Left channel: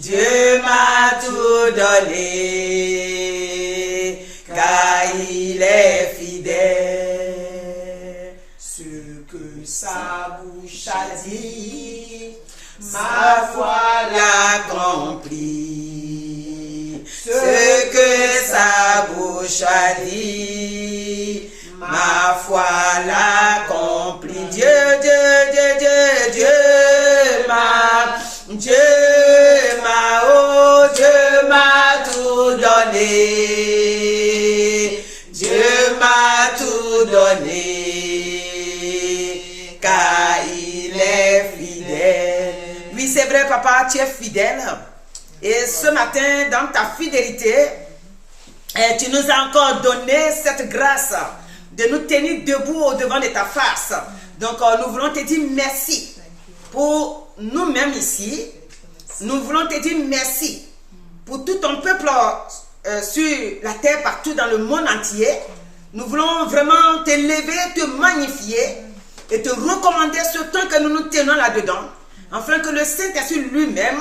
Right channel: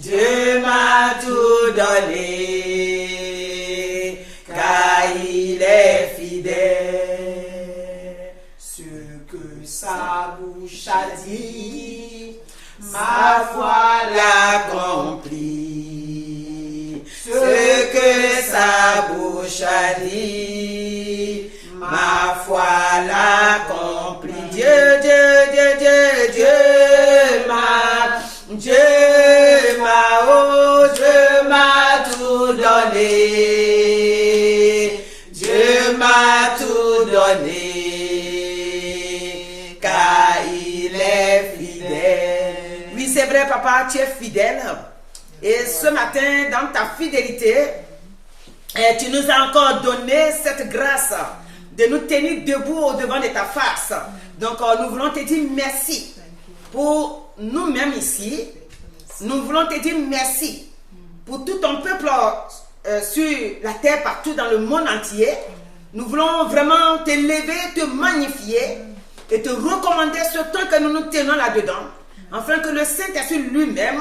Dieu m'a tout donné, car il est fidèle. Ce que sa bouche a dit, ma foi l'accomplit. Ce que sa bouche a dit, ma foi l'accomplit. Dieu m'a tout donné. Dieu m'a tout donné, car il est fidèle. Oui, c'est vrai, papa, tu es fidèle. Et ce matin, dans ta fidélité, tu nous as encore donné cette grâce de nous tenir debout au devant de ta face. Donc, nous voulons te dire merci pour nous-mêmes ici. Nous voulons te dire merci pour tout ton peuple sur la terre, partout dans le monde entier. Nous voulons vraiment te lever, te magnifier et te recommander ce temps que nous nous tenons là-dedans, afin que le Saint-Esprit lui-même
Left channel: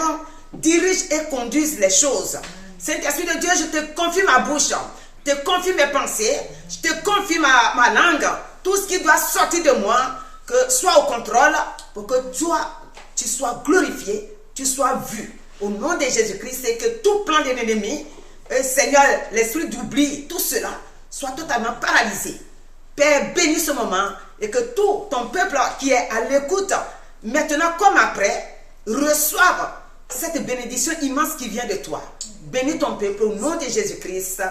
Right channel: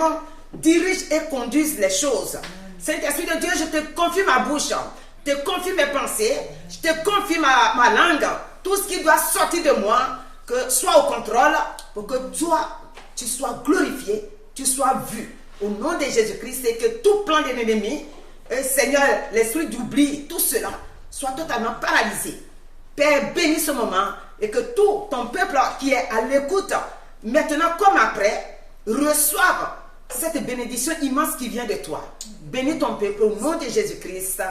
dirige et conduise les choses. Saint-Esprit de Dieu, je te confie ma bouche, je te confie mes pensées, je te confie ma langue, tout ce qui doit sortir de moi, que soit au contrôle, pour que toi, tu sois glorifié, tu sois vu. Au nom de Jésus-Christ, c'est que tout plan de l'ennemi, Seigneur, l'esprit d'oubli, tout cela, soit totalement paralysé. Père, bénis ce moment et que tout ton peuple qui est à l'écoute, maintenant comme après, reçoive cette bénédiction immense qui vient de toi. Bénis ton peuple au nom de Jésus-Christ.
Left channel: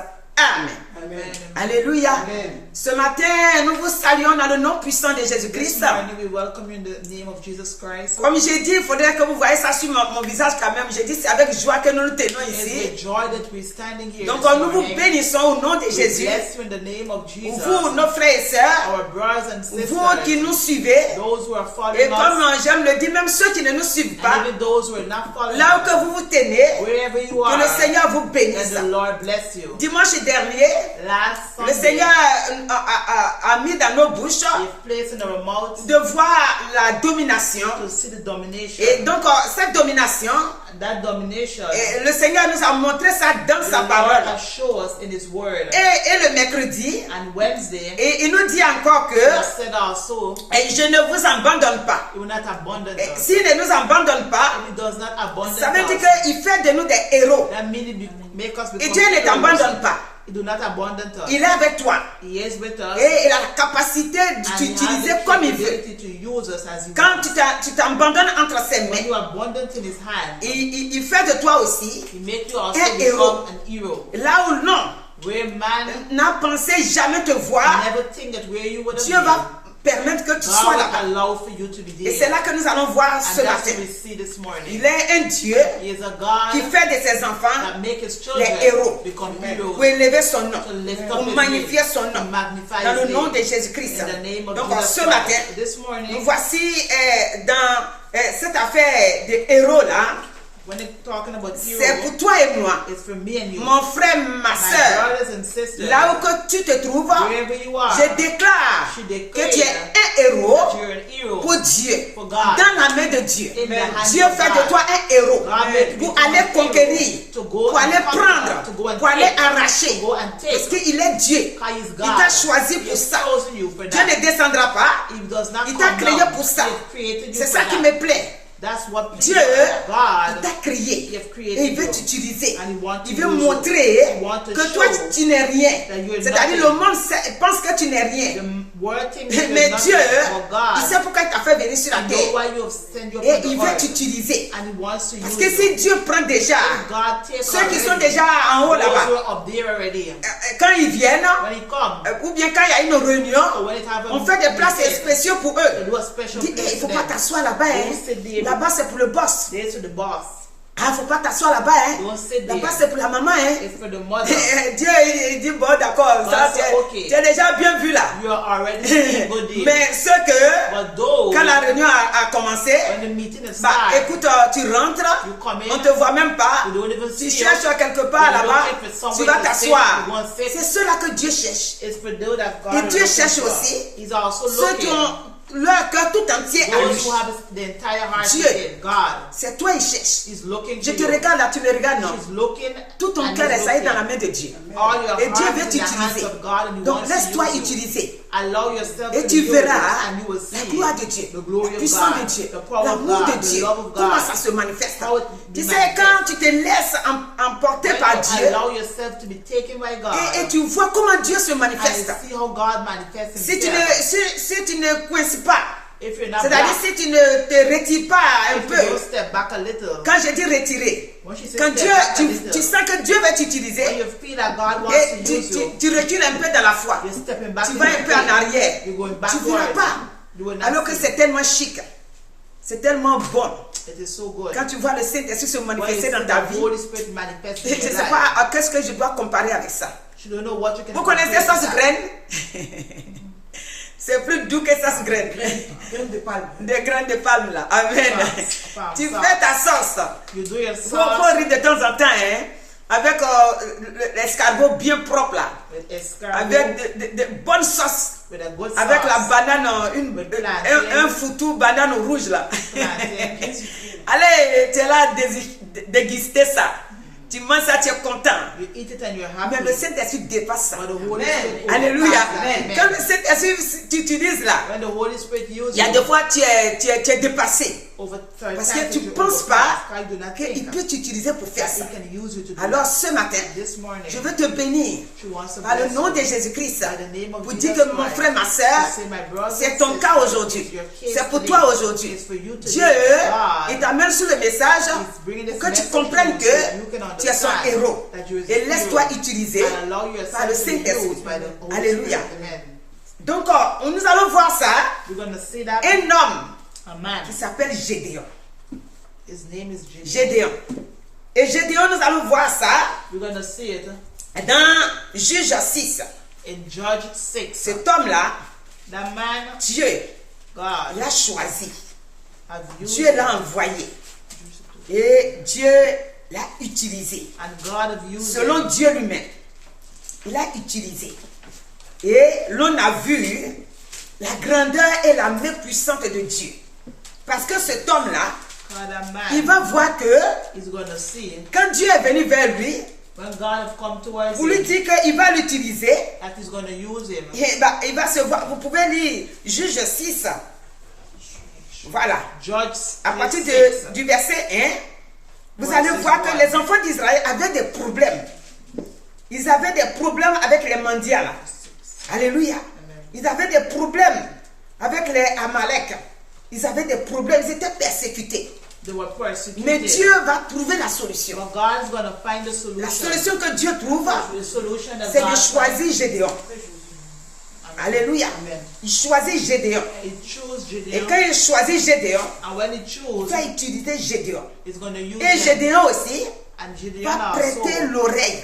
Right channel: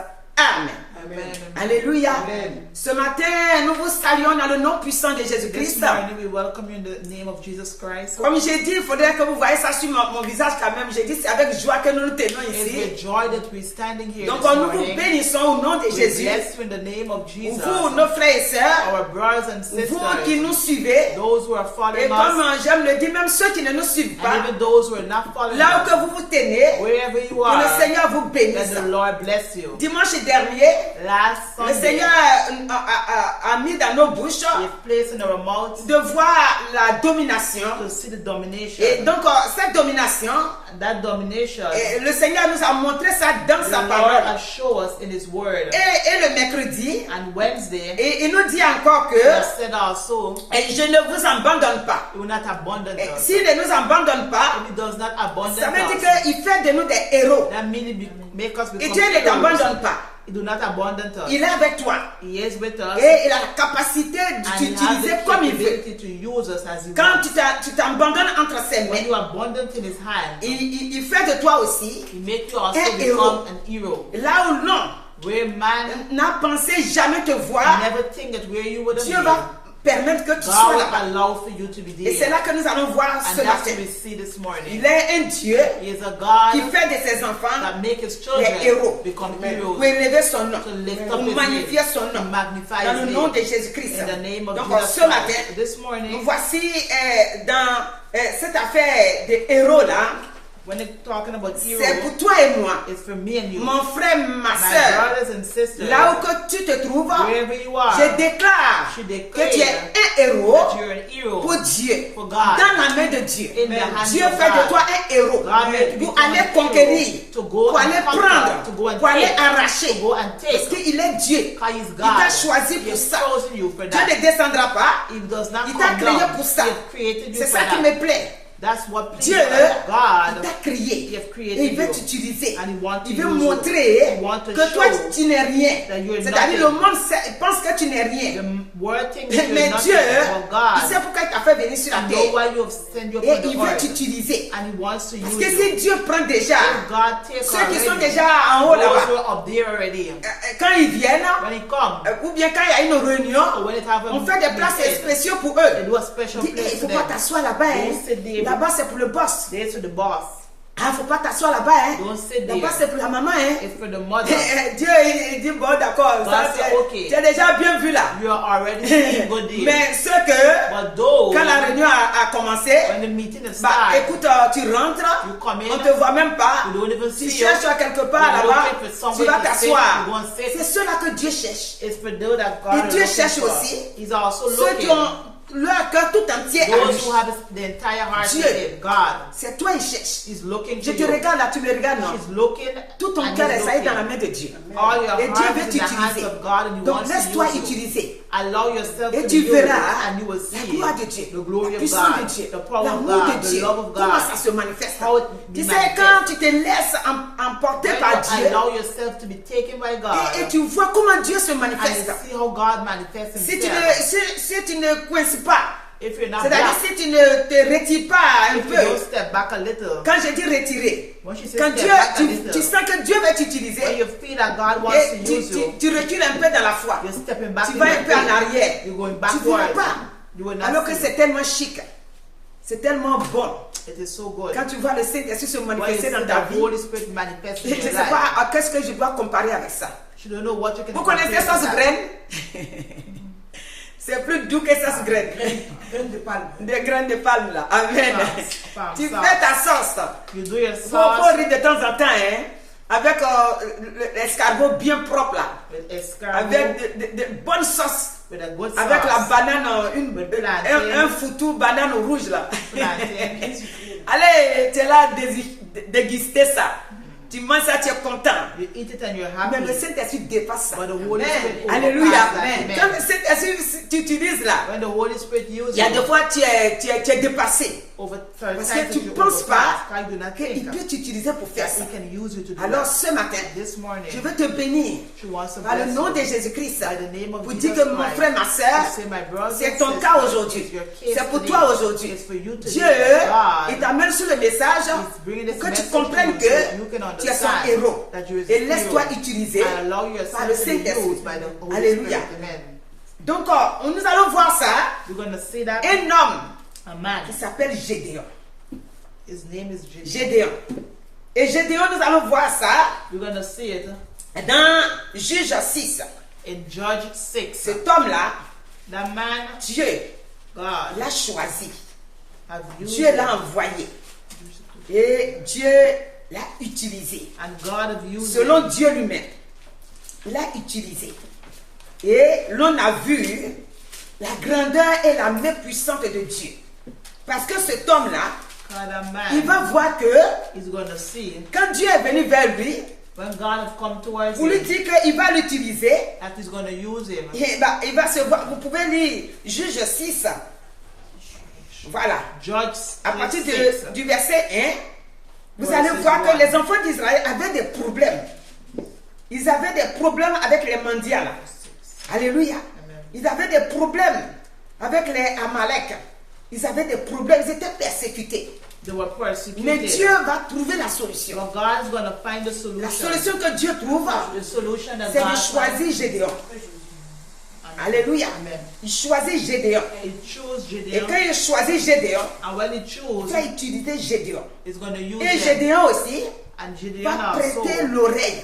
Amen. Amen. Alléluia. Amen. Ce matin, nous vous saluons dans le nom puissant de Jésus-Christ. Comme j'ai dit, il faudrait que vous voyez ça sur mon visage quand même. J'ai dit, c'est avec joie que nous nous tenons ici. Donc, nous vous bénissons au nom de Jésus. Vous, nos frères et sœurs, vous qui nous suivez, et comme j'aime le dire, même ceux qui ne nous suivent pas, là où que vous vous tenez, que le Seigneur vous bénisse. Dimanche dernier, le Seigneur a mis dans nos bouches de voir la domination. Et donc, cette domination, le Seigneur nous a montré ça dans sa parole. Et le mercredi, et il nous dit encore que je ne vous abandonne pas. S'il ne nous abandonne pas, ça veut dire qu'il fait de nous des héros. Et Dieu ne t'abandonne pas. Il est avec toi. Et il a la capacité de t'utiliser comme il veut. Quand tu t'abandonnes entre ses mains, il fait de toi aussi un héros. Là où non, n'a pensé jamais te voir, Dieu va permettre que tu sois là-bas. Et c'est là que nous allons voir ce matin. Il est un Dieu qui fait de ses enfants les héros pour élever son nom, pour magnifier son nom dans le nom de Jésus-Christ. Donc ce matin, nous voici dans cette affaire de héros là. C'est pour toi et moi, mon frère, ma soeur, là où que tu te trouves, je déclare que tu es un héros pour Dieu, dans la main de Dieu. Dieu fait de toi un héros pour aller conquérir, pour aller prendre, pour aller arracher, parce qu'il est Dieu. Il t'a choisi pour ça. Dieu ne descendra pas, il t'a créé pour ça. C'est ça qui me plaît. Dieu t'a créé et il veut t'utiliser. Il veut montrer que toi tu n'es rien. C'est-à-dire le monde pense que tu n'es rien. Mais Dieu, il sait pourquoi il t'a fait venir sur la terre. Et il veut t'utiliser. Parce que si Dieu prend déjà ceux qui sont déjà en haut là-bas, quand ils viennent, ou bien quand il y a une réunion, on fait des places spéciaux pour eux. Il ne faut pas t'asseoir là-bas. Là-bas, c'est pour le boss. Ah, faut pas t'asseoir là-bas, hein. Là-bas, c'est pour la maman, hein. Dieu, il dit, bon, d'accord, ça, tu as déjà bien vu là. Mais ce que, quand la réunion a commencé, bah, écoute, tu rentres, on te voit même pas, tu cherches quelque part là-bas, tu vas t'asseoir. C'est ceux-là que Dieu cherche. Et Dieu cherche aussi ceux qui ont leur cœur tout entier à lui. Dieu, c'est toi il cherche. Je te regarde là, tu me regardes non. Tout ton cœur est sailli dans la main de Dieu. Et Dieu veut t'utiliser. Donc laisse-toi utiliser. Et tu verras la gloire de Dieu, la puissance de Dieu, l'amour de Dieu, comment ça se manifeste. Tu sais, quand tu te laisses emporter par Dieu, et tu vois comment Dieu se manifeste. Si tu ne coinces pas, c'est-à-dire si tu ne te retires pas un peu, quand je dis retirer, quand Dieu, tu sens que Dieu va t'utiliser, et tu recules un peu dans la foi, tu vas un peu en arrière, tu ne verras pas, alors que c'est tellement chic, c'est tellement bon. Quand tu vois le Saint-Esprit se manifester dans ta vie, je ne sais pas qu'est-ce que je dois comparer avec ça. Vous connaissez ça, ce graine? C'est plus doux que ça, ce graine. Des graines de palme là. Amen. Tu fais ta sauce. Faut rire de temps en temps, hein, avec l'escargot bien propre là. Avec de bonnes sauces. Avec la banane, un foutou banane rouge là. Allez, tu es là déguster ça. Tu manges ça, tu es content. Mais le Saint-Esprit dépasse ça. Alléluia. Quand le Saint-Esprit tu utilises là, il y a des fois tu es dépassé. Parce que tu ne penses pas qu'il peut t'utiliser pour faire ça. Alors ce matin, je veux te bénir par le nom de Jésus-Christ pour dire que mon frère, ma soeur, c'est ton cas aujourd'hui. C'est pour toi aujourd'hui. Dieu, il t'amène sur le message pour que tu comprennes que tu es son héros. Et laisse-toi utiliser par le Saint-Esprit. Alléluia. Donc, nous allons voir ça. Un homme qui s'appelle Gédéon. Gédéon. Et Gédéon, nous allons voir ça dans Juge 6. Cet homme-là, Dieu l'a choisi. Dieu l'a envoyé. Et Dieu l'a utilisé. Selon Dieu lui-même. Il l'a utilisé. Et l'on a vu la grandeur et la main puissante de Dieu. Parce que cet homme-là, il va voir que quand Dieu est venu vers lui, pour lui dire qu'il va l'utiliser, il va se voir. Vous pouvez lire Juge 6. Voilà. À partir du verset 1, vous allez voir que les enfants d'Israël avaient des problèmes. Ils avaient des problèmes avec les mendiants. Là. Alléluia. Ils avaient des problèmes avec les Amalek. Ils avaient des problèmes. Ils étaient persécutés. Mais Dieu va trouver la solution. La solution que Dieu trouve, c'est de choisir Gédéon. Alléluia. Il choisit Gédéon. Et quand il choisit Gédéon, il va utiliser Gédéon. Et Gédéon aussi va prêter l'oreille.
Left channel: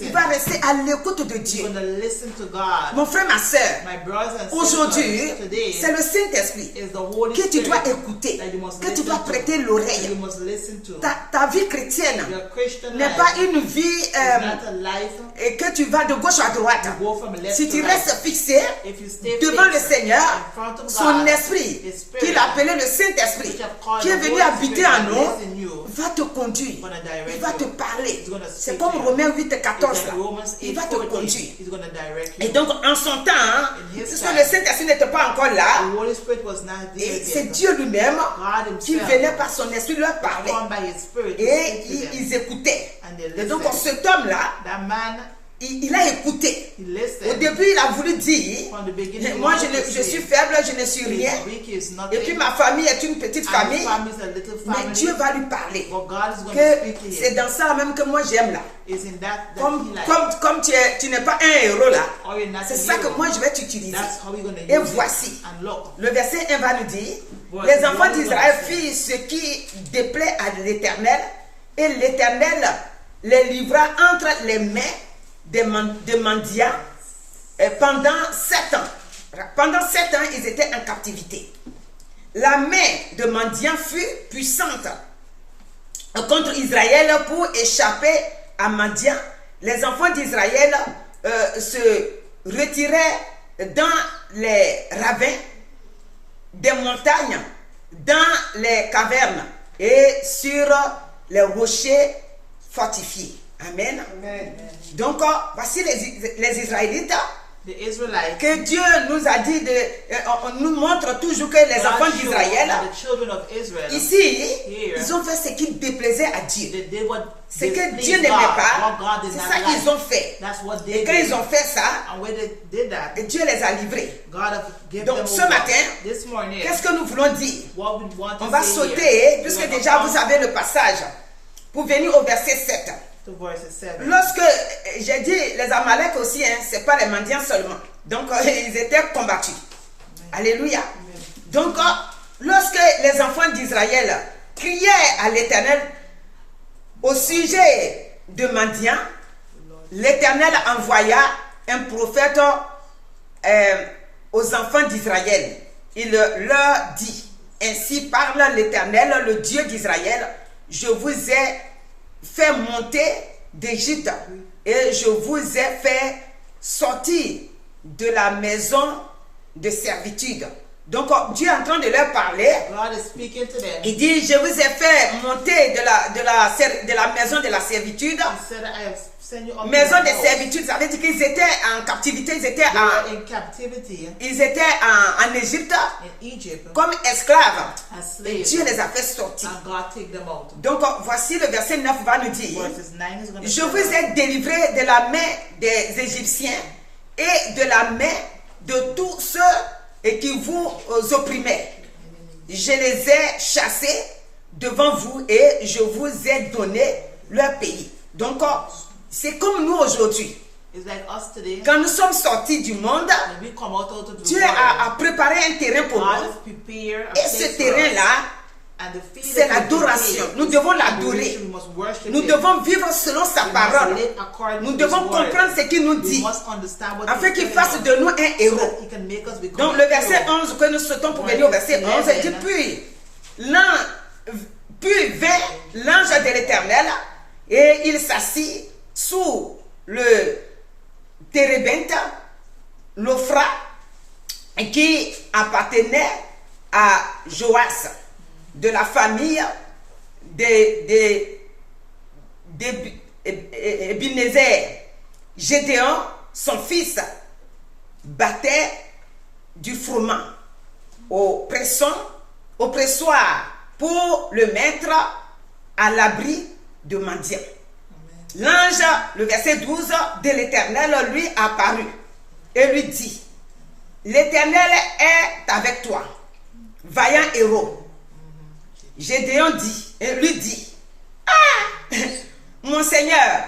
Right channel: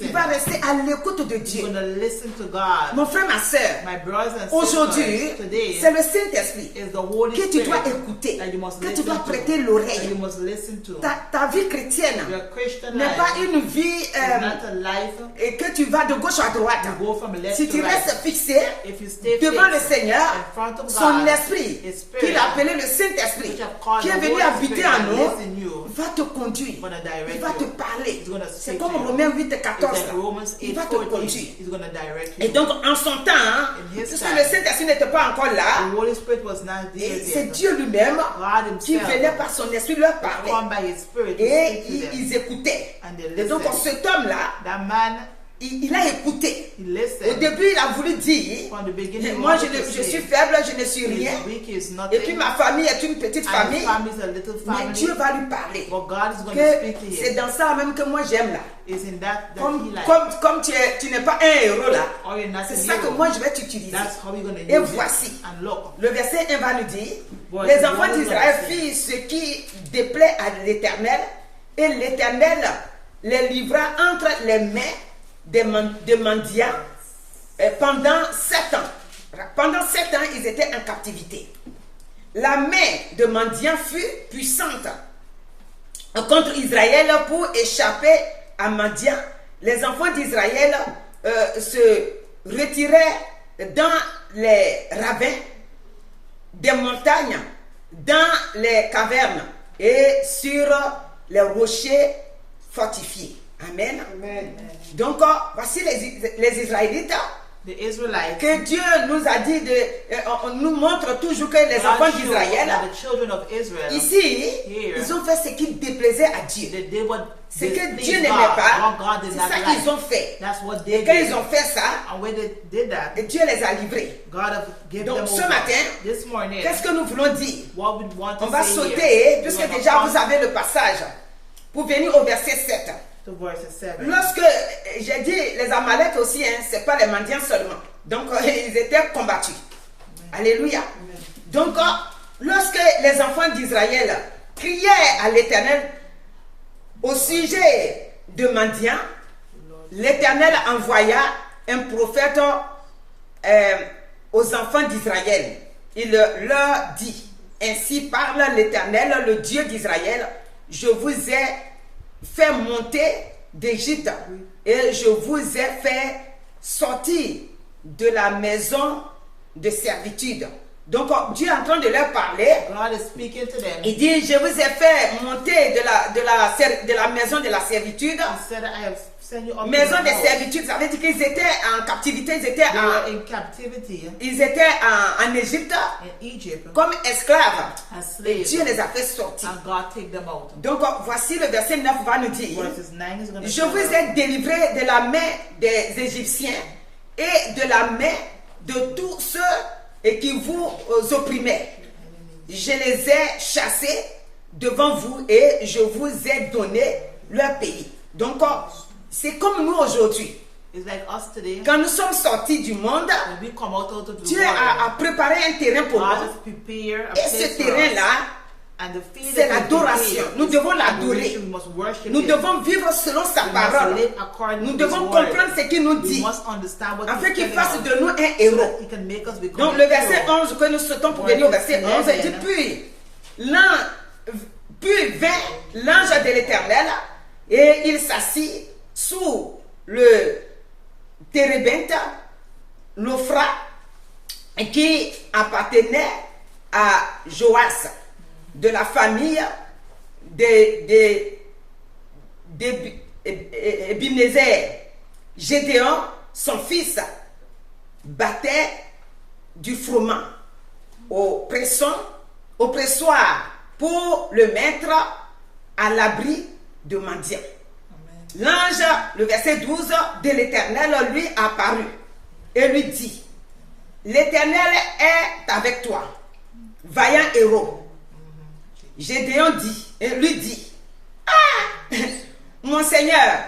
Il va rester à l'écoute de Dieu. Mon frère, ma soeur, aujourd'hui, c'est le Saint-Esprit que tu dois écouter, que tu dois prêter l'oreille. Ta vie chrétienne n'est pas une vie et que tu vas de gauche à droite. Si tu restes fixé devant le Seigneur, son esprit, qu'il a appelé le Saint-Esprit, qui est venu habiter en nous, va te conduire. Il va te parler. C'est comme Romains 8, 14. Il va te conduire. Et donc, en son temps, puisque le Saint-Esprit n'était pas encore là, et c'est Dieu lui-même qui venait par son esprit leur parler. Et ils écoutaient. Et donc, cet homme-là, il a écouté. Au début, il a voulu dire, moi je suis faible, je ne suis rien. Et puis ma famille est une petite famille. Mais Dieu va lui parler. Que c'est dans ça même que moi j'aime là. Comme tu n'es pas un héros là. C'est ça que moi je vais t'utiliser. Et voici. Le verset 1 va nous dire, les enfants d'Israël firent ce qui déplaît à l'Éternel. Et l'Éternel les livra entre les mains des mendiants pendant 7 ans. Pendant 7 ans, ils étaient en captivité. La main de mendiants fut puissante contre Israël pour échapper à Madian. Les enfants d'Israël se retiraient dans les ravins des montagnes, dans les cavernes et sur les rochers fortifiés. Amen. Amen. Donc, voici les Israélites. The Israelites, que Dieu nous a dit on nous montre toujours que les enfants d'Israël, ici, ils ont fait ce qui déplaisait à Dieu. Ce que Dieu n'aimait pas, c'est ça qu'ils ont fait. Et quand ils ont fait ça, Dieu les a livrés. Donc ce matin, qu'est-ce que nous voulons dire? On va sauter, puisque déjà vous avez le passage, pour venir au verset 7. Lorsque j'ai dit les Amalek aussi, c'est pas les mendiants seulement. Donc ils étaient combattus. Alléluia. Donc lorsque les enfants d'Israël criaient à l'Éternel au sujet de mendiants, l'Éternel envoya un prophète aux enfants d'Israël. Il leur dit: ainsi parle l'Éternel, le Dieu d'Israël, je vous ai fait monter d'Égypte et je vous ai fait sortir de la maison de servitude. Donc Dieu est en train de leur parler. Il dit: je vous ai fait monter de la maison de la servitude. Maison de servitude, ça veut dire qu'ils étaient en captivité, ils étaient en Égypte comme esclaves. Et Dieu les a fait sortir. Donc voici le verset 9 va nous dire: je vous ai délivré de la main des Égyptiens et de la main de tous ceux qui vous opprimaient. Je les ai chassés devant vous et je vous ai donné leur pays. Donc c'est comme nous aujourd'hui. Quand nous sommes sortis du monde, Dieu a préparé un terrain pour nous. Et ce terrain-là, c'est l'adoration. Nous devons l'adorer. Nous devons vivre selon sa parole. Nous devons comprendre ce qu'il nous dit, afin qu'il fasse de nous un héros. Donc le verset 11 que nous sautons pour venir au verset 11, dit: puis vint l'ange de l'Éternel et il s'assit sous le térébinthe, l'Ophra, qui appartenait à Joas, de la famille d'Ebenezer. Gédéon, son fils, battait du froment au pressoir pour le mettre à l'abri de mendiants. L'ange, le verset 12 de l'Éternel lui apparut et lui dit: l'Éternel est avec toi, vaillant héros. Gédéon lui dit: ah, mon Seigneur,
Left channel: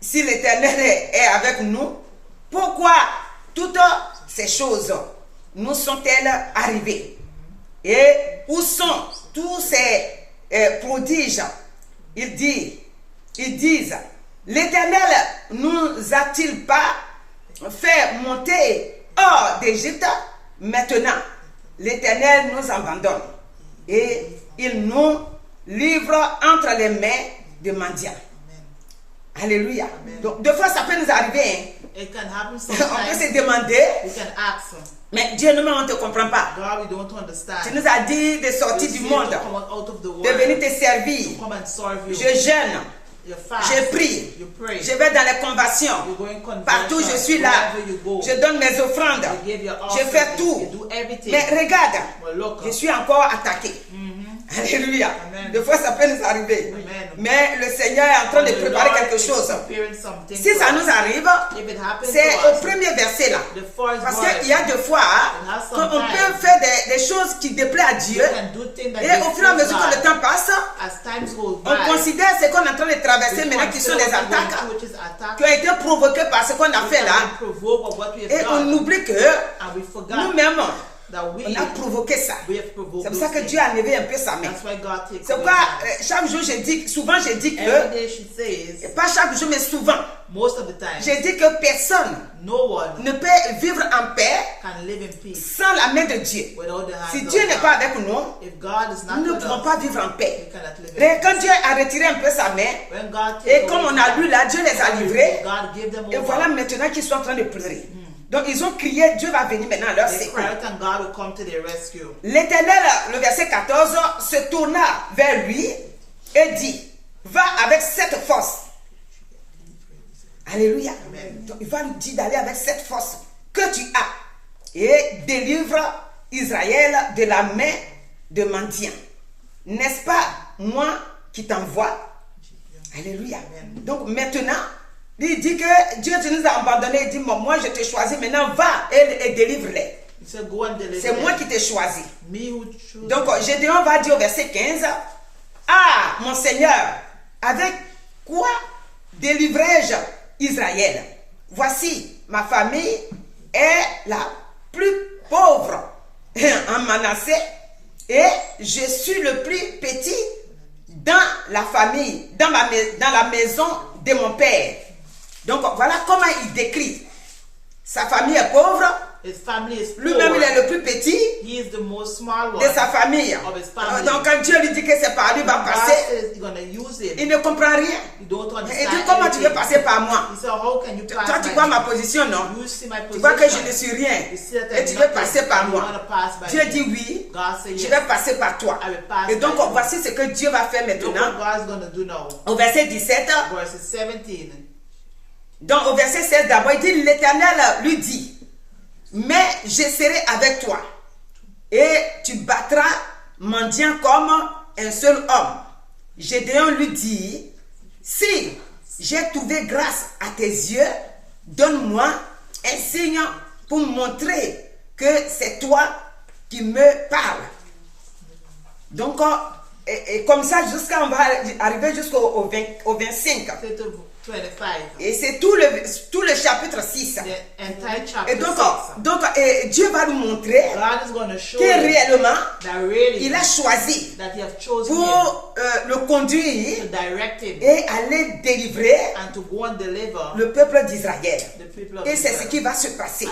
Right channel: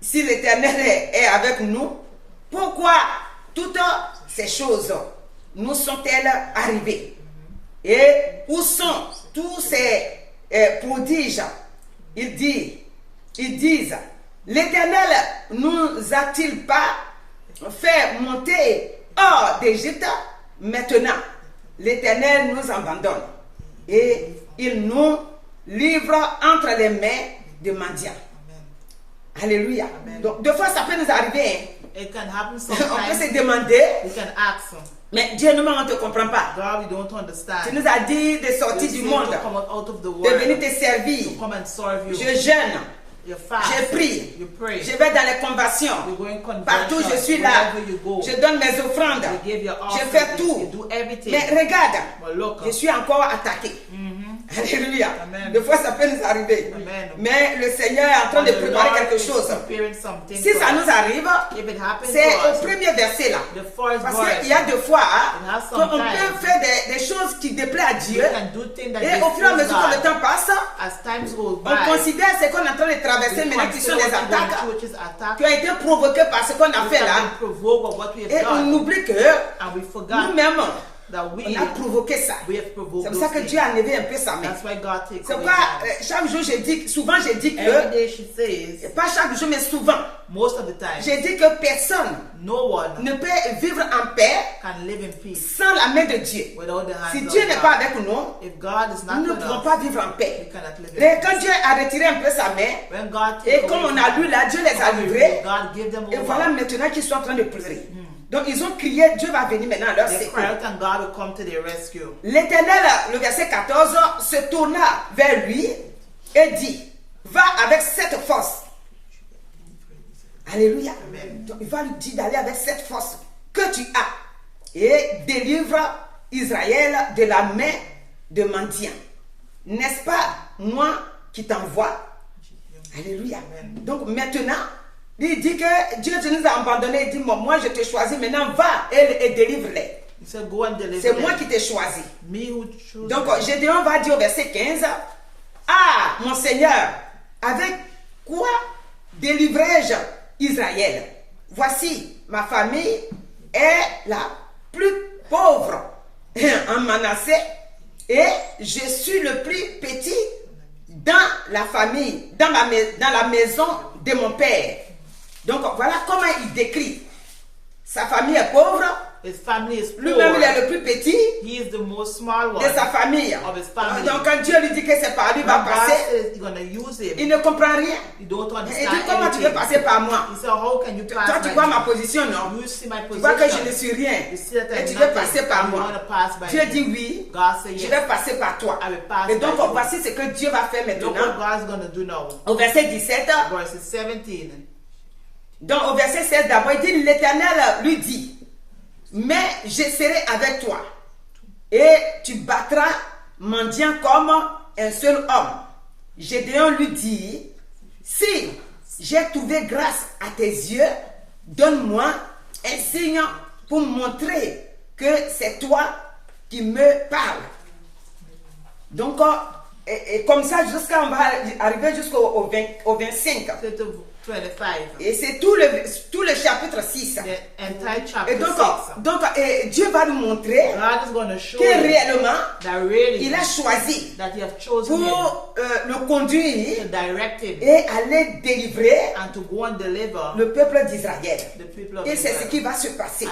si l'Éternel est avec nous, pourquoi toutes ces choses nous sont-elles arrivées? Et où sont tous ces prodiges? Ils disent: l'Éternel nous a-t-il pas fait monter hors d'Égypte? Maintenant, l'Éternel nous abandonne et il nous livre entre les mains de mendiants. Alléluia. Donc, deux fois, ça peut nous arriver. On peut se demander, mais Dieu nous-mêmes, on ne te comprend pas. Tu nous as dit de sortir du monde, de venir te servir. Je jeûne. Je prie, je vais dans les conversions, partout je suis là, je donne mes offrandes, je fais tout, mais regarde, je suis encore attaqué. Alléluia. Des fois ça peut nous arriver, mais le Seigneur est en train de préparer quelque chose. Si ça nous arrive, c'est au premier verset là, parce qu'il y a des fois qu'on peut faire des choses qui déplaisent à Dieu, et au fur et à mesure que le temps passe, on considère ce qu'on est en train de traverser maintenant qui sont des attaques qui ont été provoquées par ce qu'on a fait là, et on oublie que nous-mêmes on a provoqué ça. C'est pour ça que Dieu a levé un peu sa main. C'est pourquoi chaque jour souvent je dis que, pas chaque jour mais souvent, je dis que personne ne peut vivre en paix sans la main de Dieu. Si Dieu n'est pas avec nous, nous ne pouvons pas vivre en paix. Et quand Dieu a retiré un peu sa main, et comme on a lu là, Dieu les a livrés, et voilà maintenant qu'ils sont en train de pleurer. Donc ils ont crié, Dieu va venir maintenant à leur secours. L'Éternel, le verset 14, se tourna vers lui et dit, va avec cette force. Alléluia. Donc il va lui dire d'aller avec cette force que tu as et délivre Israël de la main de mendiants. N'est-ce pas moi qui t'envoie? Alléluia. Donc maintenant, il dit que Dieu nous a abandonnés. Il dit, moi je t'ai choisi, maintenant va et délivre-les. C'est moi qui t'ai choisi. Donc Gédéon va dire au verset 15, ah mon Seigneur, avec quoi délivrerai-je Israël? Voici, ma famille est la plus pauvre en Manassé et je suis le plus petit dans la famille, dans la maison de mon père. Donc voilà comment il décrit. Sa famille est pauvre. Lui-même il est le plus petit de sa famille. Donc quand Dieu lui dit que c'est par lui va passer, il ne comprend rien. Il dit comment tu veux passer par moi? Toi tu vois ma position, non? Tu vois que je ne suis rien et tu veux passer par moi. Dieu dit oui, je vais passer par toi. Et donc voici ce que Dieu va faire maintenant. Au verset 17. Donc au verset 16 d'abord, il dit, l'Éternel lui dit, mais je serai avec toi et tu battras mendiant comme un seul homme. Gédéon lui dit, si j'ai trouvé grâce à tes yeux, donne-moi un signe pour montrer que c'est toi qui me parles. Donc, et comme ça, jusqu'à on va arriver jusqu'au 25. Et c'est tout le chapitre 6. Et donc Dieu va nous montrer que réellement il a choisi pour le conduire et aller délivrer le peuple d'Israël. Et c'est ce qui va se passer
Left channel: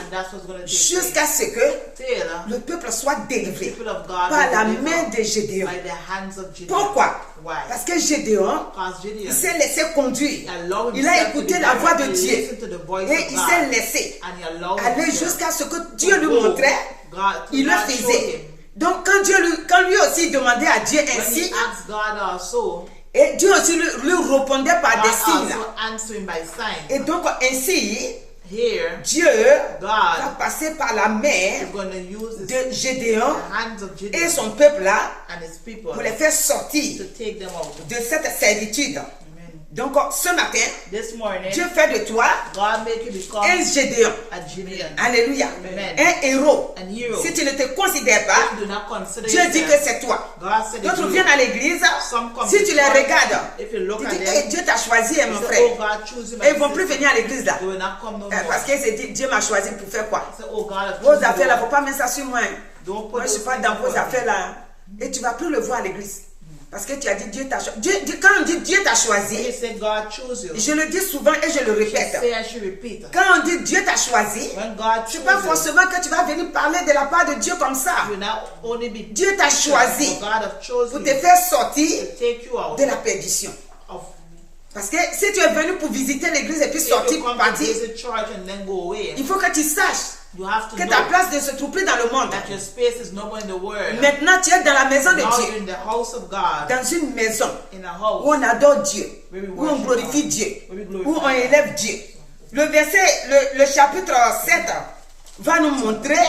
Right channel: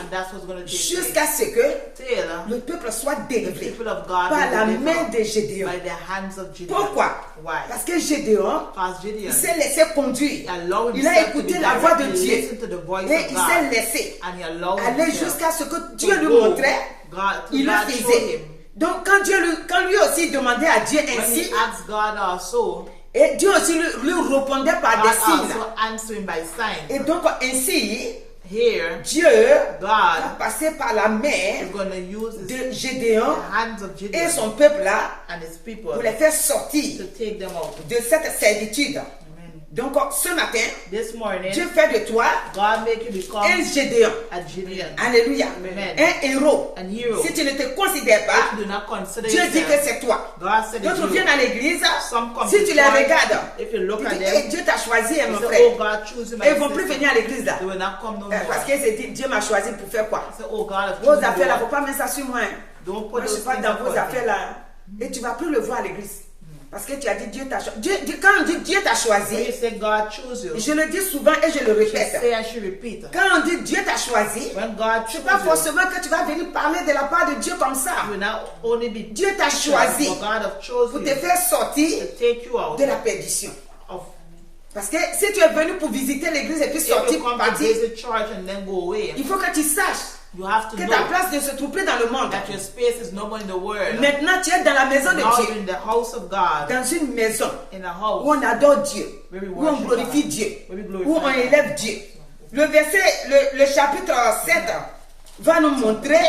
jusqu'à ce que le peuple soit délivré par la main de Gédéon. Pourquoi? Parce que Gédéon, il s'est laissé conduire. Il a écouté la voix de Dieu et il s'est laissé aller jusqu'à ce que Dieu lui montrait. Il le faisait. Donc quand lui aussi demandait à Dieu ainsi, et Dieu aussi lui répondait par des signes. Et donc ainsi, Dieu va passer par la main de Gédéon et son peuple là pour les faire sortir de cette servitude. Donc ce matin, Dieu fait de toi un Gédéon. Alléluia. Un héros. Si tu ne te considères pas, Dieu dit que c'est toi. D'autres viennent à l'église, si tu les regardes, tu dis, hey, Dieu t'a choisi, mon frère. Et ils ne vont plus venir à l'église là. Parce qu'ils se disent, Dieu m'a choisi pour faire quoi? Vos affaires là, il ne faut pas mettre ça sur moi. Moi je ne suis pas dans vos affaires là. Et tu ne vas plus le voir à l'église. Parce que tu as dit Dieu t'a choisi. Quand on dit Dieu t'a choisi, je le dis souvent et je le répète. Quand on dit Dieu t'a choisi, ce n'est pas forcément que tu vas venir parler de la part de Dieu comme ça. Dieu t'a choisi pour te faire sortir de la perdition. Parce que si tu es venu pour visiter l'église et puis sortir pour partir, il faut que tu saches que ta place ne se trouve plus dans le monde. Maintenant tu es dans la maison de Dieu, dans une maison où on adore Dieu, où on glorifie Dieu, où on élève Dieu. Le chapitre 7 va nous montrer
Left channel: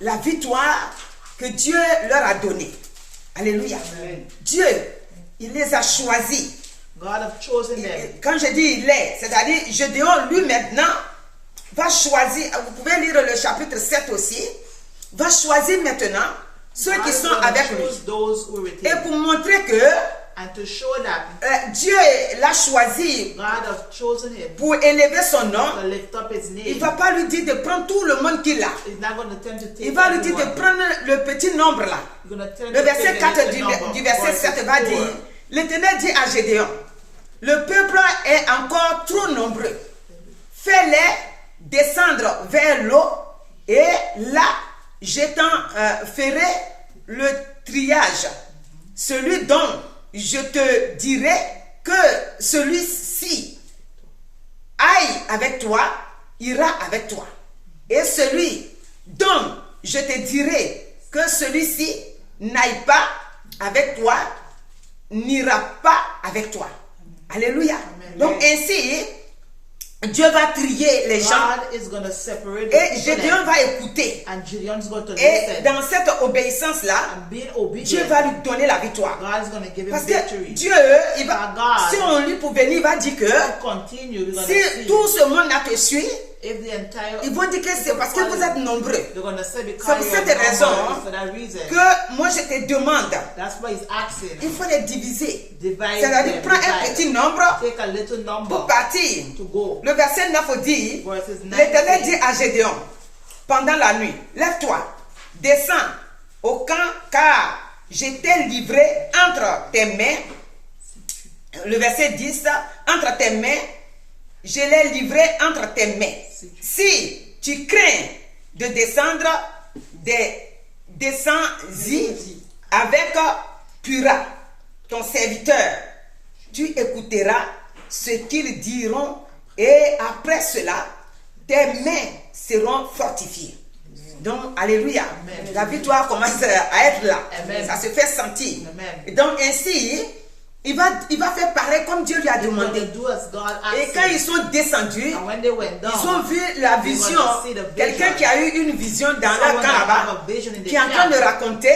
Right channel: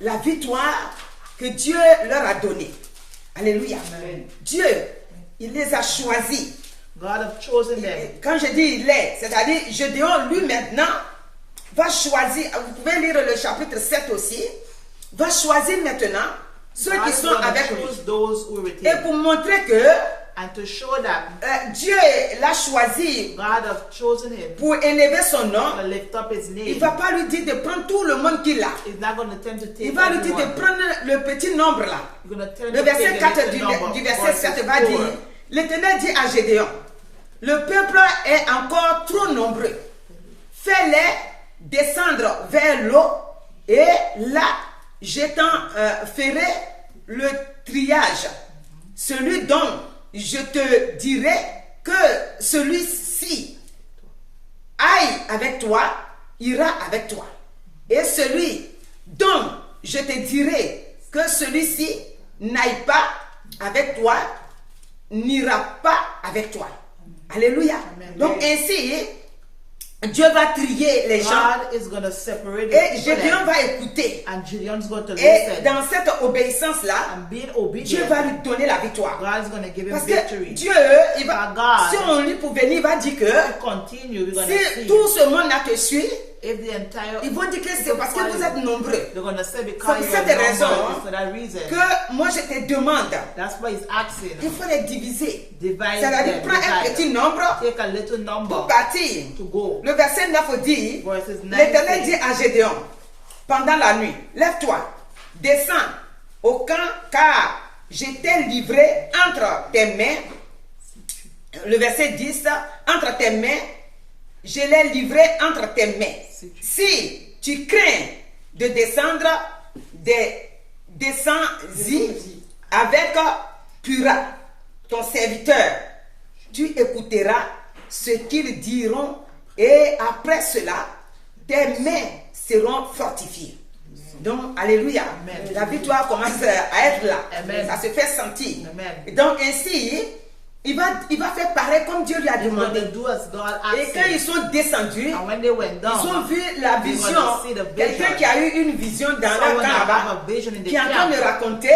la victoire que Dieu leur a donnée. Alléluia. Dieu, il les a choisis. Quand je dis il est, c'est-à-dire Gédéon lui maintenant va choisir, vous pouvez lire le chapitre 7 aussi, va choisir maintenant ceux qui sont avec lui. Et pour montrer que Dieu l'a choisi pour élever son nom, il ne va pas lui dire de prendre tout le monde qu'il a. Il va lui dire de prendre le petit nombre là. Le verset 4 du verset 7 va dire, l'Éternel dit à Gédéon, le peuple est encore trop nombreux. Fais-les descendre vers l'eau et là, je t'en ferai le triage. Celui dont je te dirai que celui-ci aille avec toi, ira avec toi. Et celui dont je te dirai que celui-ci n'aille pas avec toi, n'ira pas avec toi. Alléluia. Donc ainsi, Dieu va trier les gens et Gédéon va écouter. Et dans cette obéissance-là, Dieu va lui donner la victoire. Parce que Dieu, si on lit pour venir, il va dire que si tout ce monde a te suivi, ils vont dire que c'est parce que vous êtes nombreux. C'est pour cette raison que moi je te demande, il faut les diviser. C'est-à-dire, prends un petit nombre pour partir. Le verset 9 dit, l'Éternel dit à Gédéon, pendant la nuit, lève-toi, descends au camp, car je t'ai livré entre tes mains. Le verset 10, entre tes mains, je l'ai livré entre tes mains. Si tu crains de descendre, descends-y avec Pura, ton serviteur. Tu écouteras ce qu'ils diront et après cela, tes mains seront fortifiées. Donc, alléluia. Amen. La victoire commence à être là. Amen. Ça se fait sentir. Amen. Donc, ainsi, il va faire pareil comme Dieu lui a demandé. Et quand ils sont descendus, ils ont vu la vision. Quelqu'un qui a eu une vision dans leur camp là-bas, qui est en train de raconter,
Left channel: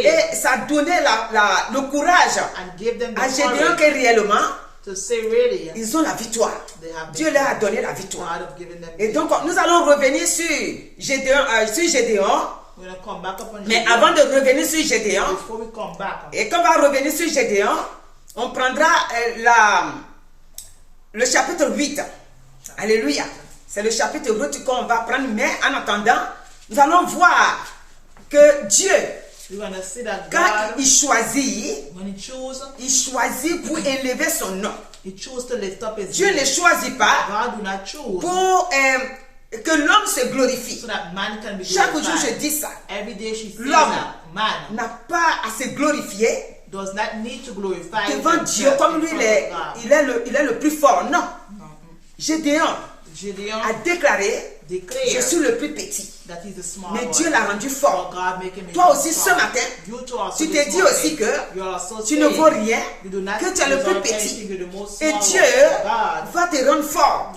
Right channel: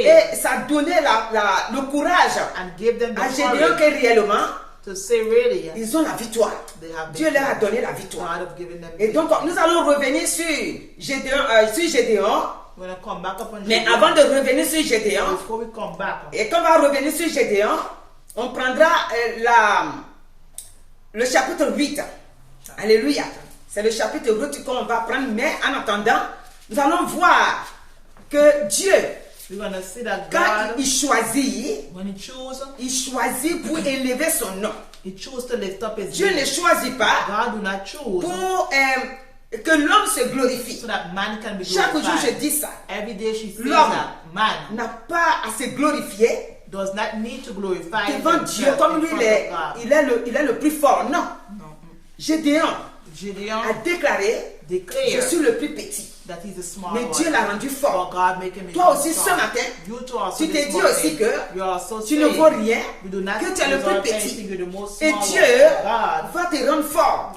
et ça donnait le courage à Gédéon que réellement, ils ont la victoire. Dieu leur a donné la victoire. Et donc, nous allons revenir sur Gédéon. Mais avant de revenir sur Gédéon, et quand on va revenir sur Gédéon, on prendra le chapitre 8. Alléluia. C'est le chapitre 8 qu'on va prendre. Mais en attendant, nous allons voir que Dieu, quand il choisit, il choisit pour élever son nom. Dieu ne choisit pas pour que l'homme se glorifie. Chaque jour je dis ça. L'homme n'a pas à se glorifier devant Dieu comme lui il est le plus fort. Non. Gédéon a déclaré, je suis le plus petit. Mais Dieu l'a rendu fort. Toi aussi ce matin, tu te dis aussi que tu ne vaux rien, que tu es le plus petit. Et Dieu va te rendre fort.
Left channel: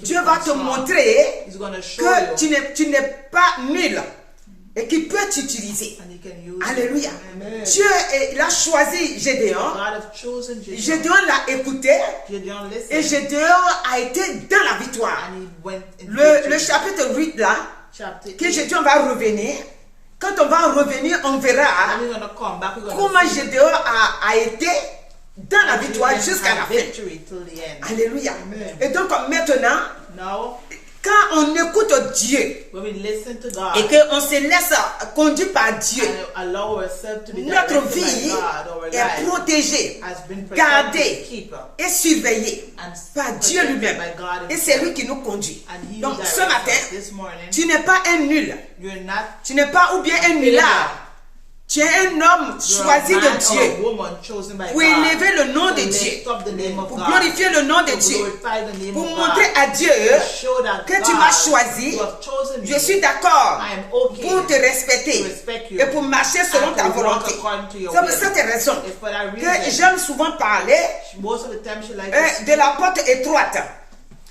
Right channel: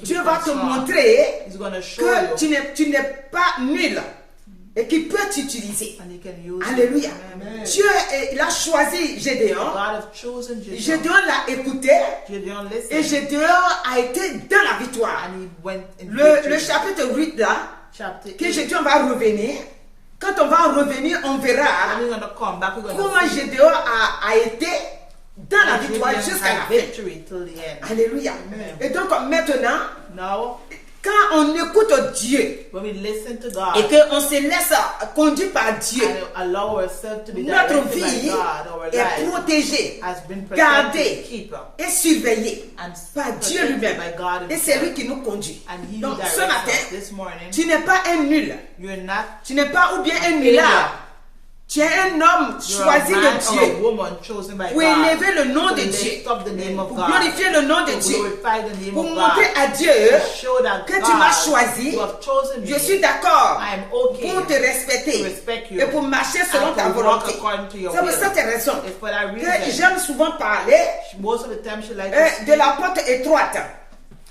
Dieu va te montrer que tu n'es pas nul et qu'il peut t'utiliser. Alléluia. Dieu il a choisi Gédéon. Gédéon l'a écouté et Gédéon a été dans la victoire. Le chapitre 8 là, que Gédéon va revenir. Quand on va revenir, on verra comment Gédéon a été dans la victoire jusqu'à la fin. Alléluia. Et donc maintenant, quand on écoute Dieu et qu'on se laisse conduire par Dieu, notre vie est protégée, gardée et surveillée par Dieu lui-même. Et c'est lui qui nous conduit. Donc ce matin, tu n'es pas un nul. Tu n'es pas ou bien un nulard. Tu es un homme choisi de Dieu pour élever le nom de Dieu, pour glorifier le nom de Dieu, pour montrer à Dieu que tu m'as choisi. Je suis d'accord pour te respecter et pour marcher selon ta volonté. C'est pour cette raison que j'aime souvent parler de la porte étroite.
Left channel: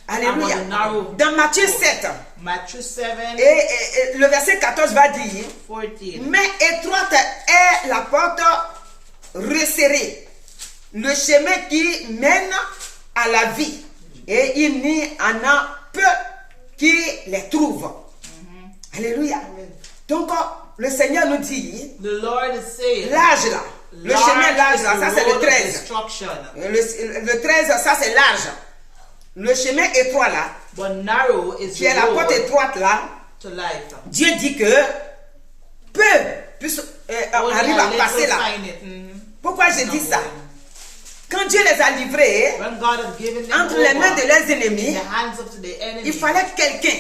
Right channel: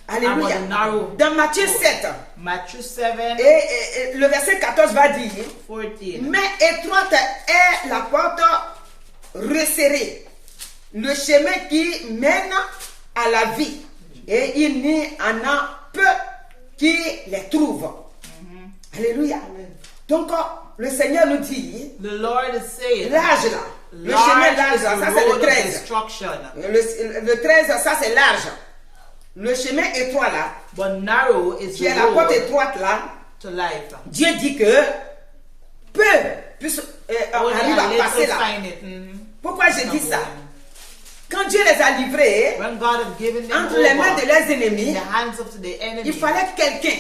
Alléluia. Dans Matthieu 7, et le verset 14 va dire, mais étroite est la porte resserrée, le chemin qui mène à la vie, et il n'y en a peu qui les trouvent. Alléluia. Donc le Seigneur nous dit, l'âge là, le chemin large là, ça c'est le 13. Le 13, ça c'est large. Le chemin étroit là, qui est la porte étroite là, Dieu dit que peu arrive à passer là. Pourquoi je dis ça? Quand Dieu les a livrés entre les mains de leurs ennemis, il fallait quelqu'un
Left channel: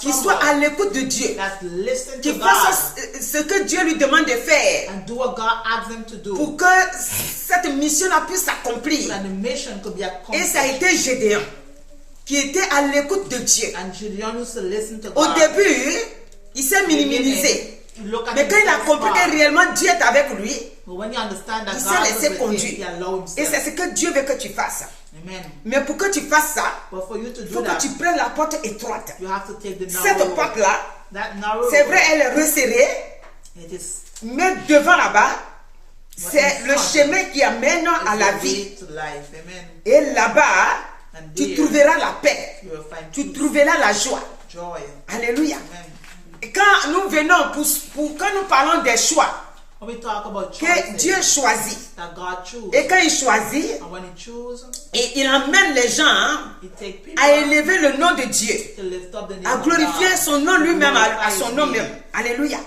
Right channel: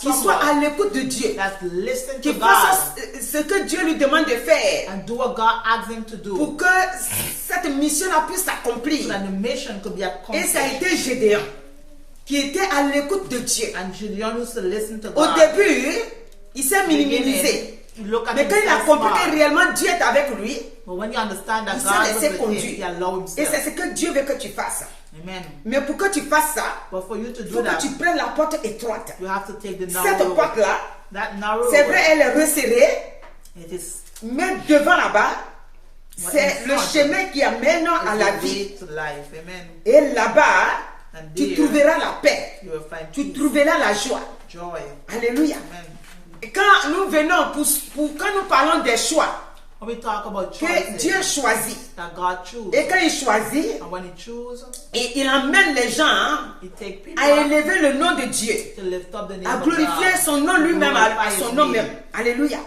qui soit à l'écoute de Dieu, qui fasse ce que Dieu lui demande de faire pour que cette mission puisse s'accomplir. Et ça a été Gédéon qui était à l'écoute de Dieu. And Gideon used to listen to Au God. début, il s'est minimisé. Mais quand il a compris que réellement Dieu est avec lui, il s'est laissé conduire. Et c'est ce que Dieu veut que tu fasses. Amen. Mais pour que tu fasses ça, il faut que tu prennes la porte étroite. Cette porte-là, c'est vrai, elle est resserrée, mais devant là-bas, c'est le chemin qui amène à la vie. Et là-bas, tu trouveras la paix, tu trouveras la joie. Alléluia. Et quand nous venons, quand nous parlons des choix, que Dieu choisit, et quand il choisit, et il emmène les gens à élever le nom de Dieu, à glorifier son nom lui-même, à son nom même. Alléluia.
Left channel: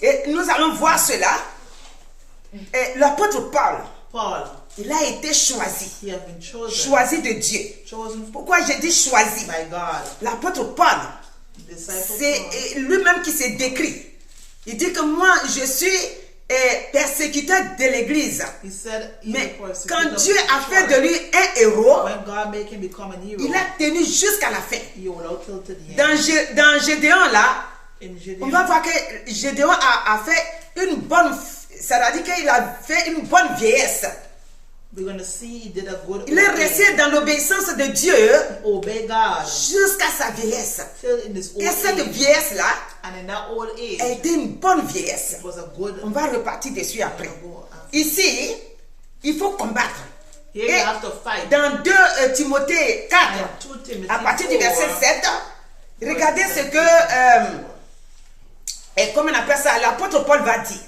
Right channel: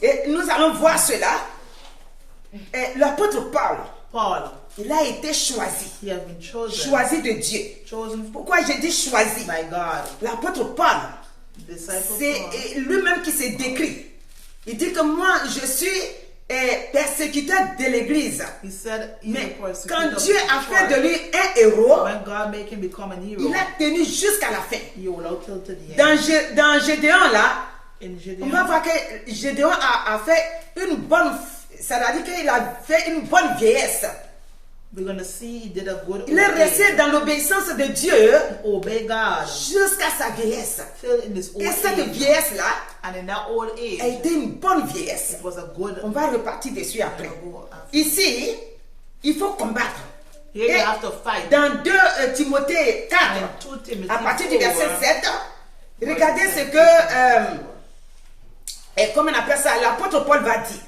Et nous allons voir cela. L'apôtre Paul, il a été choisi de Dieu. Pourquoi j'ai dit choisi? L'apôtre Paul, c'est lui-même qui s'est décrit. Il dit que moi, je suis persécuteur de l'église. Mais quand Dieu a fait de lui un héros, il a tenu jusqu'à la fin. Dans Gédéon là, on va voir que Gédéon a fait une bonne, c'est-à-dire qu'il a fait une bonne vieillesse. Il est resté dans l'obéissance de Dieu jusqu'à sa vieillesse. Et cette vieillesse-là a été une bonne vieillesse. On va repartir dessus après. Ici, il faut combattre. Et dans 2 Timothée 4, à partir du verset 7, regardez ce que, comment on appelle ça, l'apôtre Paul va dire.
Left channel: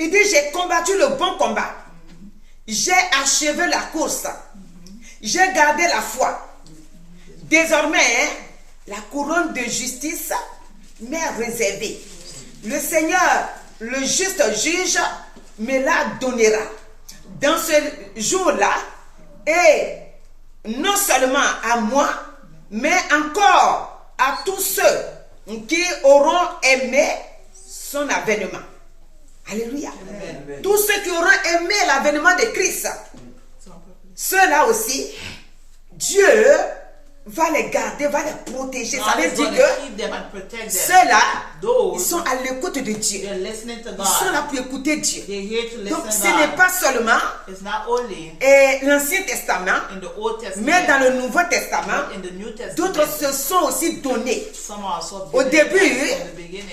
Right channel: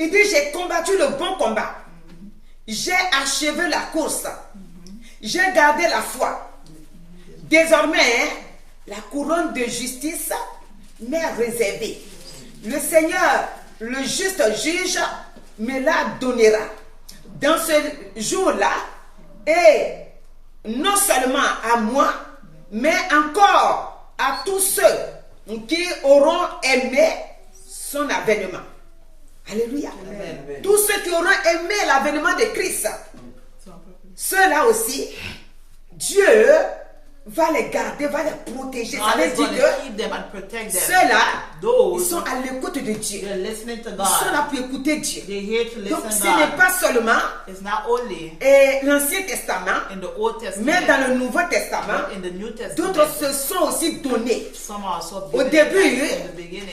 Il dit, j'ai combattu le bon combat. J'ai achevé la course. J'ai gardé la foi. Désormais, la couronne de justice m'est réservée. Le Seigneur, le juste juge, me la donnera. Dans ce jour-là, et non seulement à moi, mais encore à tous ceux qui auront aimé son avènement. Alléluia. Amen. Tous ceux qui auront aimé l'avènement de Christ, ceux-là aussi, Dieu va les garder, va les protéger. Ça veut dire que ceux-là, ils sont à l'écoute de Dieu. Ils sont là pour écouter Dieu. Donc ce n'est pas seulement l'Ancien Testament, mais dans le Nouveau Testament, d'autres se sont aussi donnés. Au début,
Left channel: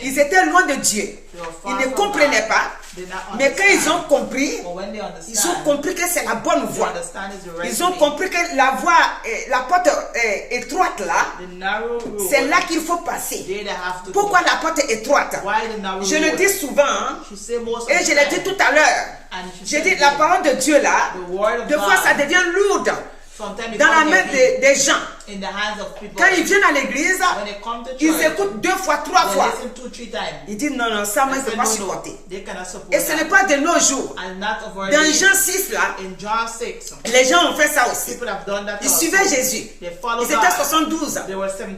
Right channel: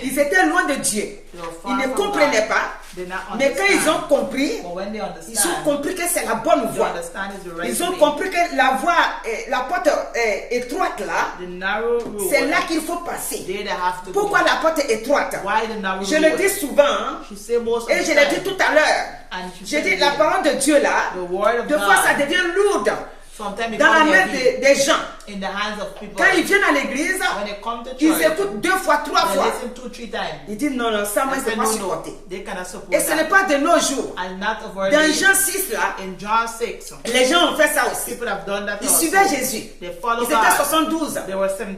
ils étaient loin de Dieu. Ils ne comprenaient pas. Mais quand ils ont compris que c'est la bonne voie. Ils ont compris que la voie, la porte étroite là, c'est là qu'il faut passer. Pourquoi la porte étroite? Je le dis souvent, hein, et je l'ai dit tout à l'heure. J'ai dit la parole de Dieu là, de fois ça devient lourde dans la main des gens. Quand ils viennent à l'église, ils écoutent 2 fois, 3 fois. Ils disent non, ça moi je ne peux pas supporter. Et ce n'est pas de nos jours. Dans Jean 6 là, les gens ont fait ça aussi. Ils suivaient Jésus. Ils étaient 72.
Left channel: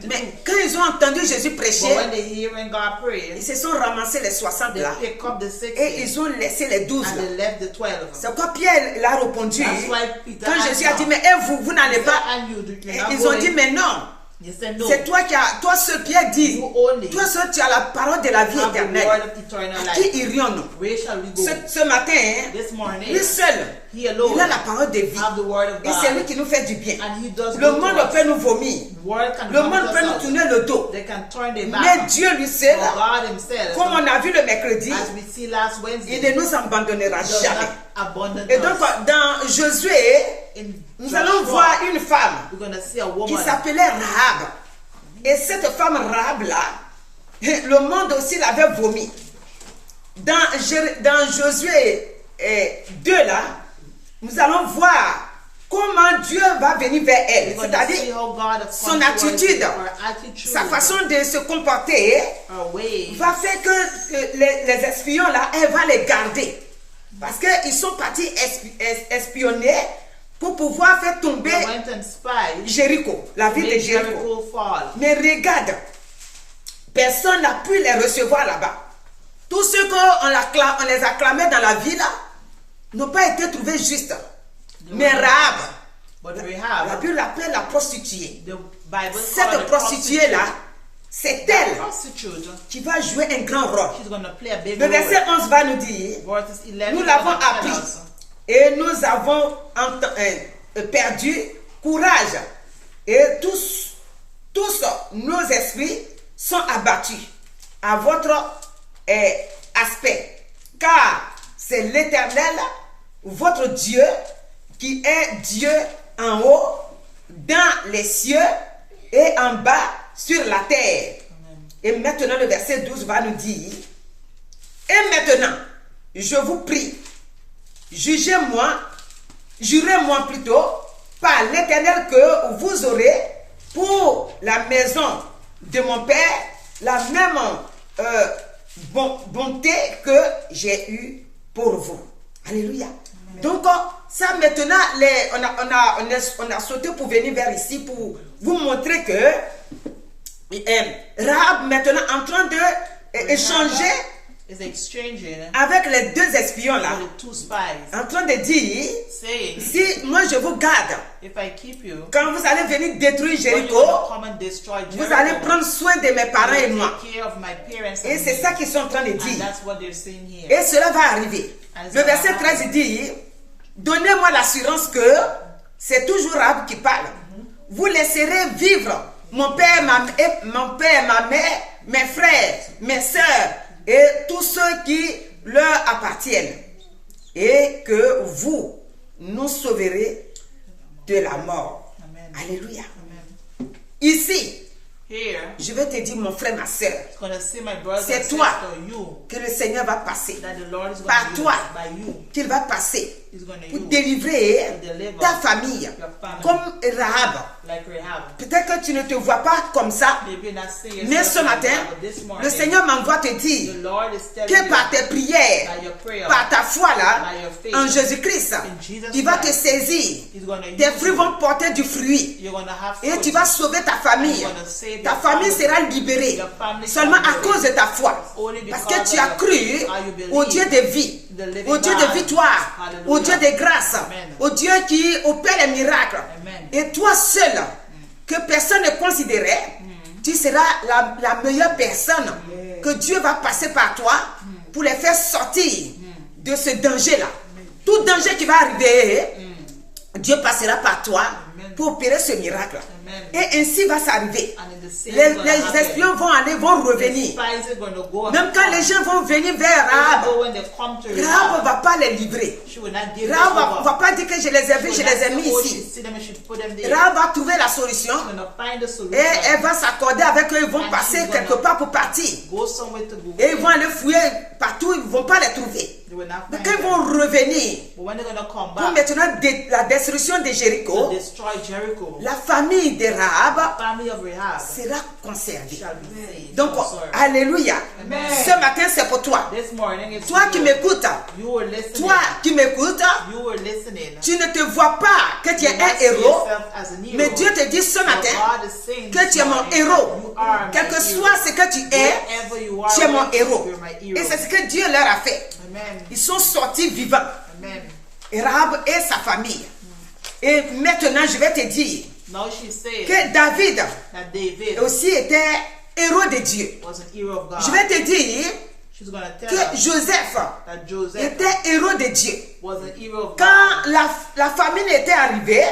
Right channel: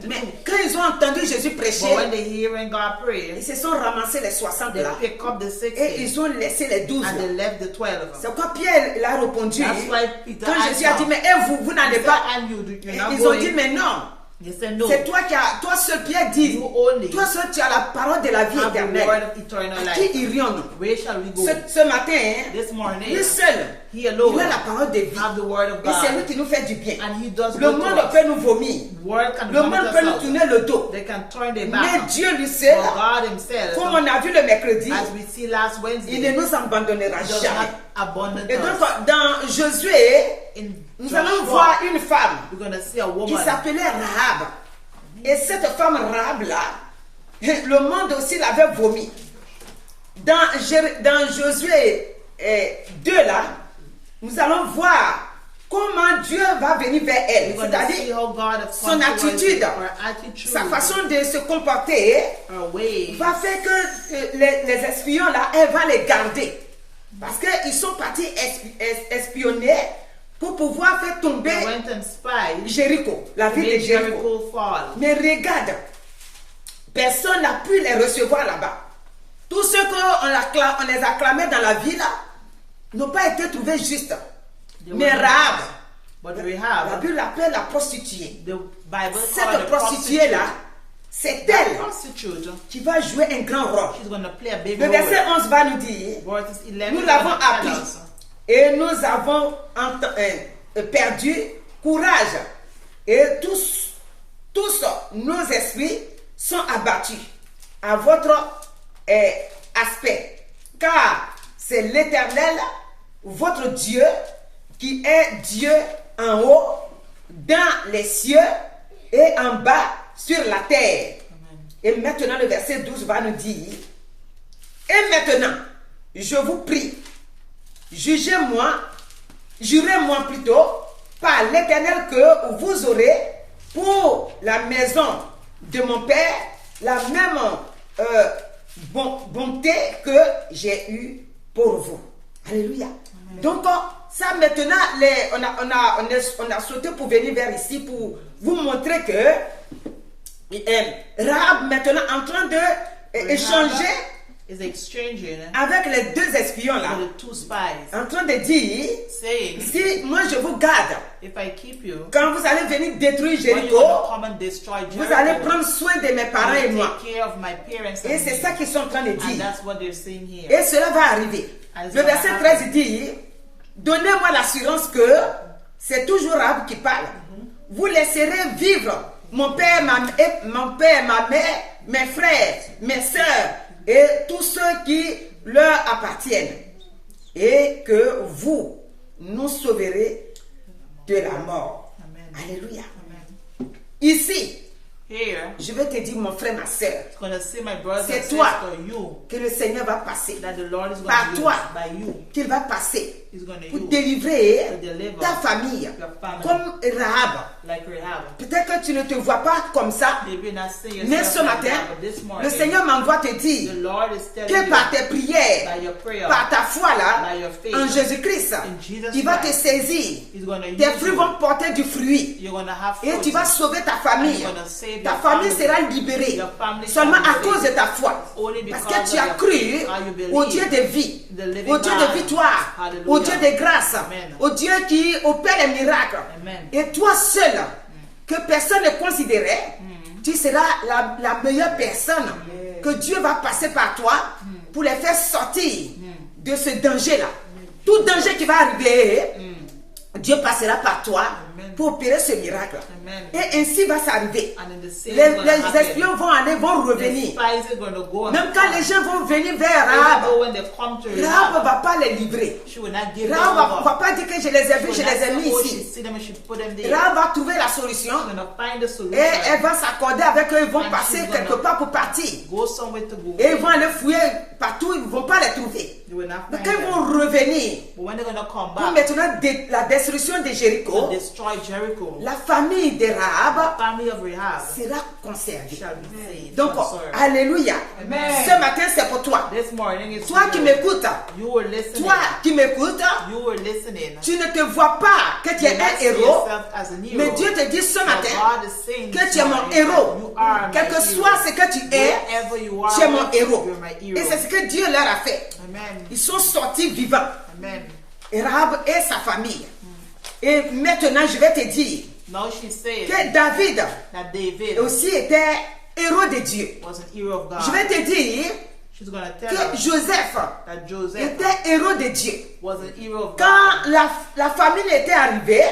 Mais quand ils ont entendu Jésus prêcher, ils se sont ramassés les 60 là. Et ils ont laissé les 12 là. C'est quoi Pierre l'a répondu quand Jésus a dit mais vous n'allez pas. Ils ont dit mais non, c'est toi seul, Pierre dit, toi seul tu as la parole de la vie éternelle. À qui irions-nous? Ce matin, lui seul, il a la parole de vie. Et c'est lui qui nous fait du bien. Le monde peut nous vomir. Le monde peut nous tourner le dos. Mais Dieu lui seul, comme on a vu le mercredi, il ne nous abandonnera jamais. Et donc dans Josué, nous allons voir une femme qui s'appelait Rahab. Et cette femme Rahab là, le monde aussi l'avait vomi. Dans Josué 2 là, nous allons voir comment Dieu va venir vers elle. C'est-à-dire son attitude, sa façon de se comporter va faire que les espions là, elle va les garder. Parce qu'ils sont partis espionner pour pouvoir faire tomber Jéricho, la ville de Jéricho. Mais regarde, personne n'a pu les recevoir là-bas. Tous ceux qu'on les acclamait dans la ville n'ont pas été trouvés justes. Mais Rahab, La Bible l'appelle la prostituée. Cette prostituée-là, c'est elle qui va jouer un grand rôle. Le verset 11 va nous dire, nous l'avons appris et nous avons perdu courage et tous nos esprits sont abattus à votre aspect, car c'est l'Éternel, votre Dieu, qui est Dieu en haut, dans les cieux et en bas sur la terre. Et maintenant le verset 12 va nous dire, et maintenant, je vous prie, jurez-moi plutôt par l'Éternel que vous aurez pour la maison de mon Père la même bonté que j'ai eue pour vous. Alléluia. Amen. Donc ça maintenant, on a sauté pour venir vers ici pour vous montrer que Rahab maintenant en train de échanger avec les deux espions là, en train de dire, si moi je vous garde, quand vous allez venir détruire Jéricho, vous allez prendre soin de mes parents et moi. Et c'est ça qu'ils sont en train de dire. Et cela va arriver. Le verset 13 dit, donnez-moi l'assurance que c'est toujours Rahab qui parle. Vous laisserez vivre mon père, ma mère, mes frères, mes sœurs et tous ceux qui leur appartiennent, et que vous nous sauverez de la mort. Amen. Alléluia. Amen. Ici, je vais te dire, mon frère, ma soeur, c'est toi que le Seigneur va passer, par toi qu'il va passer pour délivrer ta famille, comme Rahab. Peut-être que tu ne te vois pas comme ça, mais ce matin, le Seigneur m'envoie te dire que par tes prières, par ta foi là, en Jésus-Christ, il va te saisir. Tes fruits vont porter du fruit et tu vas sauver ta famille. Ta famille sera libérée seulement à cause de ta foi. Parce que tu as cru au Dieu de vie, au Dieu de victoire, au Dieu de grâce, au Dieu qui opère les miracles. Et toi seul, que personne ne considérait, tu seras la meilleure personne que Dieu va passer par toi pour les faire sortir de ce danger-là. Tout danger qui va arriver, Dieu passera par toi pour opérer ce miracle. Et ainsi va s'arriver. Les espions vont revenir. Même quand les gens vont venir vers Rahab, Rahab ne va pas les livrer. Rahab ne va pas dire que je les ai vus, je les ai mis ici. Rahab va trouver la solution et elle va s'accorder avec eux. Ils vont passer quelque part pour partir. Et ils vont aller fouiller partout, ils ne vont pas les trouver. Mais quand ils vont revenir pour maintenant la destruction de Jéricho, la famille de Rahab sera conservée. Donc, alléluia. Ce matin, c'est pour toi. Toi qui m'écoutes, tu ne te vois pas que tu es un héros, mais Dieu te dit ce matin que tu es mon héros. Quel que soit ce que tu es mon héros. Et c'est ce que Dieu leur a fait. Ils sont sortis vivants. Et Rahab et sa famille. Et maintenant, je vais te dire que David aussi était héros de Dieu. Je vais te dire que Joseph était héros de Dieu. Quand la famine était arrivée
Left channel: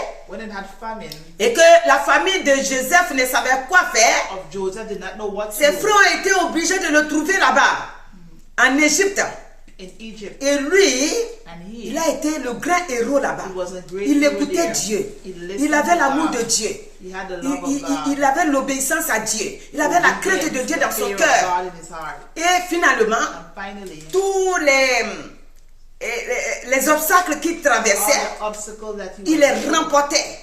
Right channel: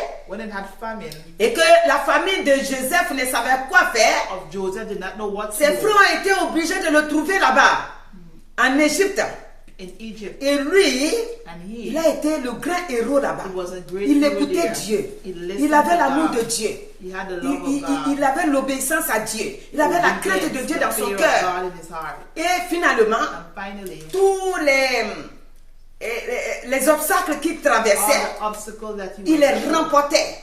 et que la famille de Joseph ne savait quoi faire, ses frères ont été obligés de le trouver là-bas, en Égypte. Et lui, il a été le grand héros là-bas. Il écoutait Dieu. Il avait l'amour de Dieu. Il avait l'obéissance à Dieu. Il avait la crainte de Dieu dans son cœur. Et finalement, tous les obstacles qu'il traversait, il les remportait.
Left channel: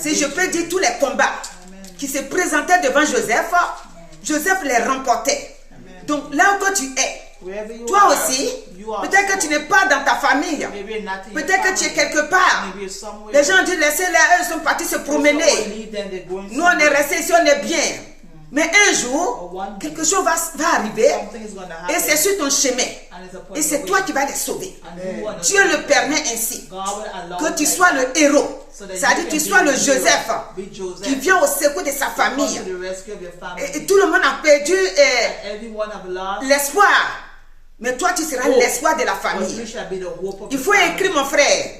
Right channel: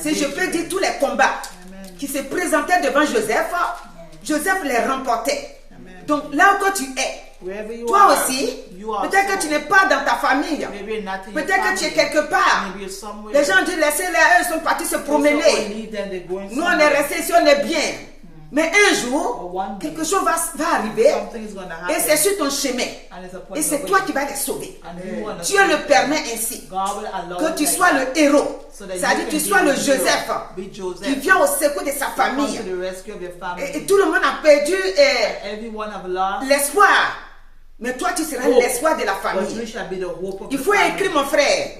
Si je peux dire tous les combats qui se présentaient devant Joseph, Joseph les remportait. Donc là où tu es, toi aussi, peut-être que tu n'es pas dans ta famille, peut-être que tu es quelque part. Les gens disent laissez-les, eux sont partis se promener. Nous on est restés ici, on est bien. Mais un jour, quelque chose va arriver et c'est sur ton chemin. Et c'est toi qui vas les sauver. Dieu le permet ainsi. Que tu sois le héros. C'est-à-dire que tu sois le Joseph qui vient au secours de sa famille. Et tout le monde a perdu l'espoir. Mais toi, tu seras l'espoir de la famille. Il faut écrire, mon frère.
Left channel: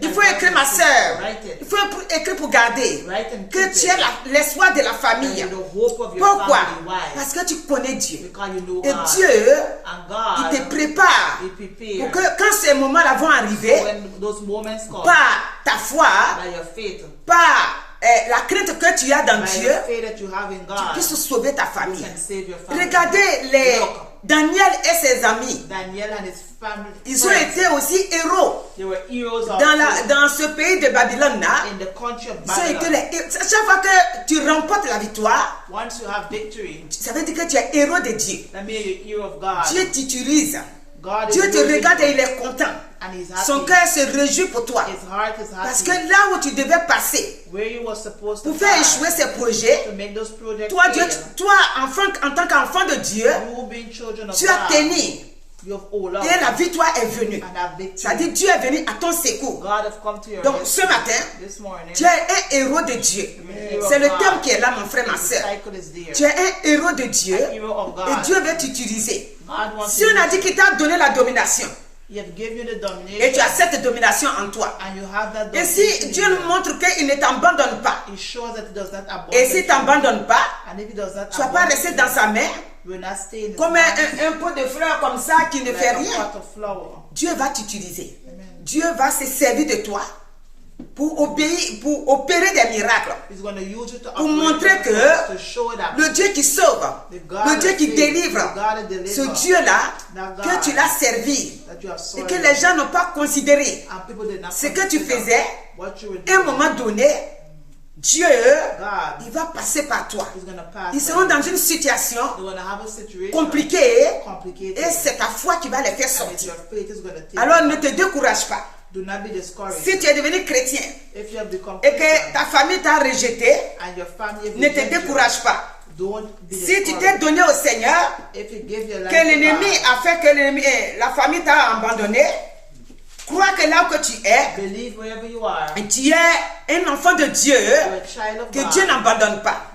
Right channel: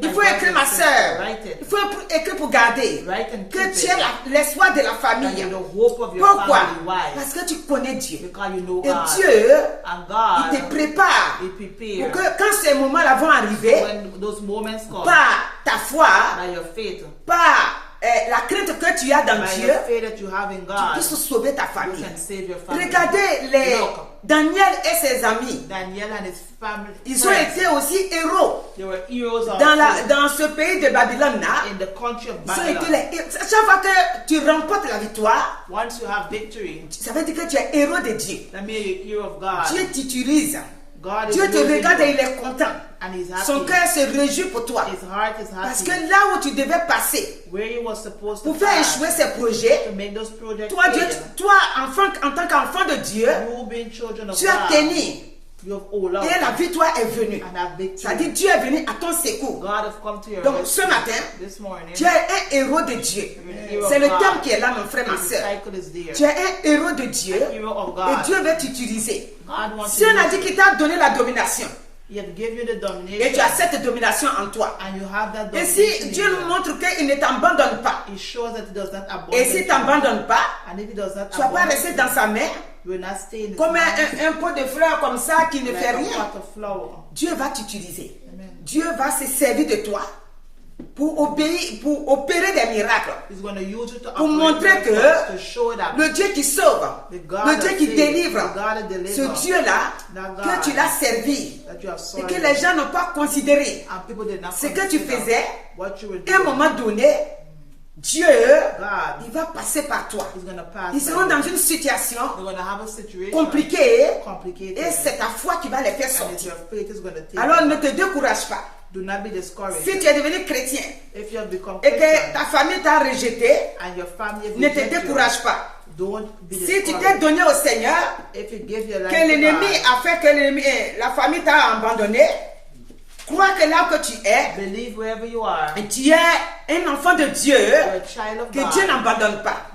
Il faut écrire, ma soeur. Il faut écrire pour garder. Que tu es l'espoir de la famille. Pourquoi? Parce que tu connais Dieu. Et Dieu, il te prépare pour que quand ces moments-là vont arriver, par ta foi, par la crainte que tu as dans Dieu, tu puisses sauver ta famille. Regardez Daniel et ses amis. Ils ont été aussi héros dans ce pays de Babylone. Chaque fois que tu remportes la victoire, ça veut dire que tu es héros de Dieu. Dieu t'utilise. Dieu te regarde et il est content. Son cœur se réjouit pour toi. Parce que là où tu devais passer pour faire échouer ces projets, toi, en tant qu'enfant de Dieu, tu as tenu. Et la victoire est venue. C'est-à-dire Dieu est venu à ton secours. Donc ce matin, tu es un héros de Dieu. C'est le terme qui est là, mon frère, ma soeur. Tu es un héros de Dieu et Dieu veut t'utiliser. Si on a dit qu'il t'a donné la domination, et tu as cette domination en toi. Et si Dieu nous montre qu'il ne t'abandonne pas, et s'il ne t'abandonne pas, tu ne vas pas rester dans sa main comme un pot de fleurs comme ça qui ne fait rien. Dieu va t'utiliser. Dieu va se servir de toi pour opérer des miracles, pour montrer que le Dieu qui sauve, le Dieu qui délivre, ce Dieu-là, que tu l'as servi et que les gens n'ont pas considéré ce que tu faisais, à un moment donné, Dieu, il va passer par toi. Ils seront dans une situation compliquée et c'est ta foi qui va les faire sortir. Alors ne te décourage pas. Si tu es devenu chrétien et que ta famille t'a rejeté, ne te décourage pas. Si tu t'es donné au Seigneur, que l'ennemi a fait que la famille t'a abandonné, crois que là où tu es, tu es un enfant de Dieu, que Dieu n'abandonne pas.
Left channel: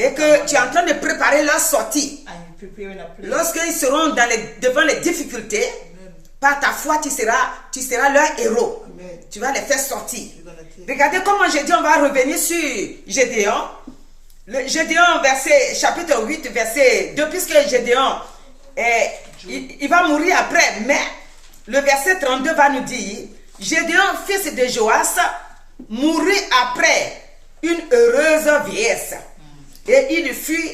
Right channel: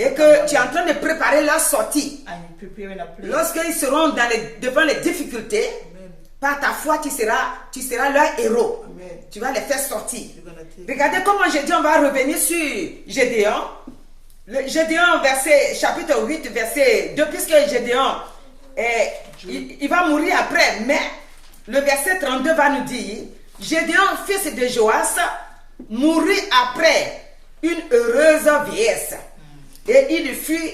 Et que tu es en train de préparer leur sortie. Lorsqu'ils seront devant les difficultés, par ta foi, tu seras leur héros. Tu vas les faire sortir. Regardez comment Gédéon va revenir sur Gédéon. Gédéon, chapitre 8, verset 2, puisque Gédéon, il va mourir après, mais le verset 32 va nous dire, Gédéon, fils de Joas, mourut après une heureuse vieillesse. Et il fut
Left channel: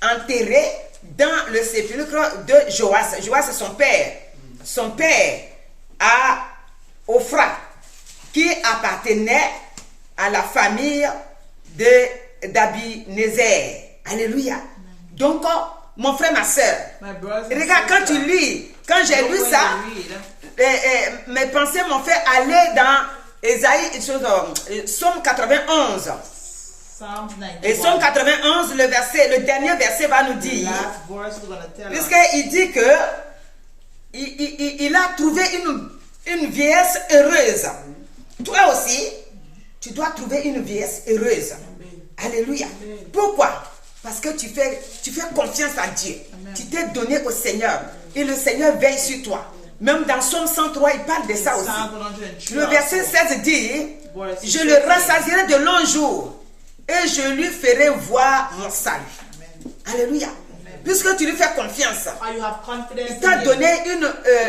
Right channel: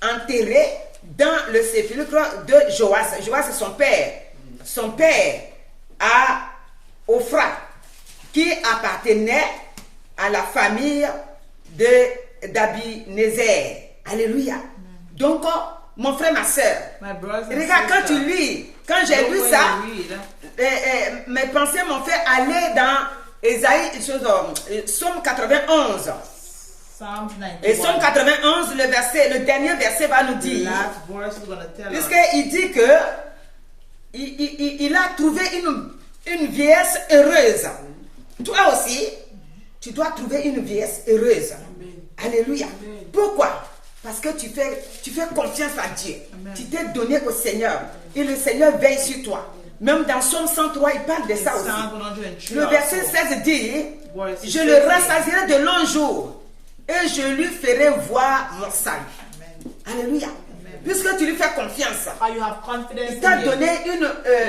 enterré dans le sépulcre de Joas. Joas, c'est son père. Son père à Ophra, qui appartenait à la famille d'Abinézer. Alléluia. Donc, mon frère, ma soeur, regarde, quand tu lis, quand j'ai lu ça, mes pensées m'ont fait aller dans Somme 91. Et Somme 91, le dernier verset va nous dire, puisqu'il dit que il a trouvé une vieillesse heureuse. Toi aussi, tu dois trouver une vieillesse heureuse. Alléluia. Pourquoi? Parce que tu fais confiance à Dieu. Tu t'es donné au Seigneur. Et le Seigneur veille sur toi. Même dans Somme 103, il parle de ça aussi. Le verset 16 dit, je le rassasierai de longs jours et je lui ferai voir mon salut. Alléluia. Puisque tu lui fais confiance, il t'a donné une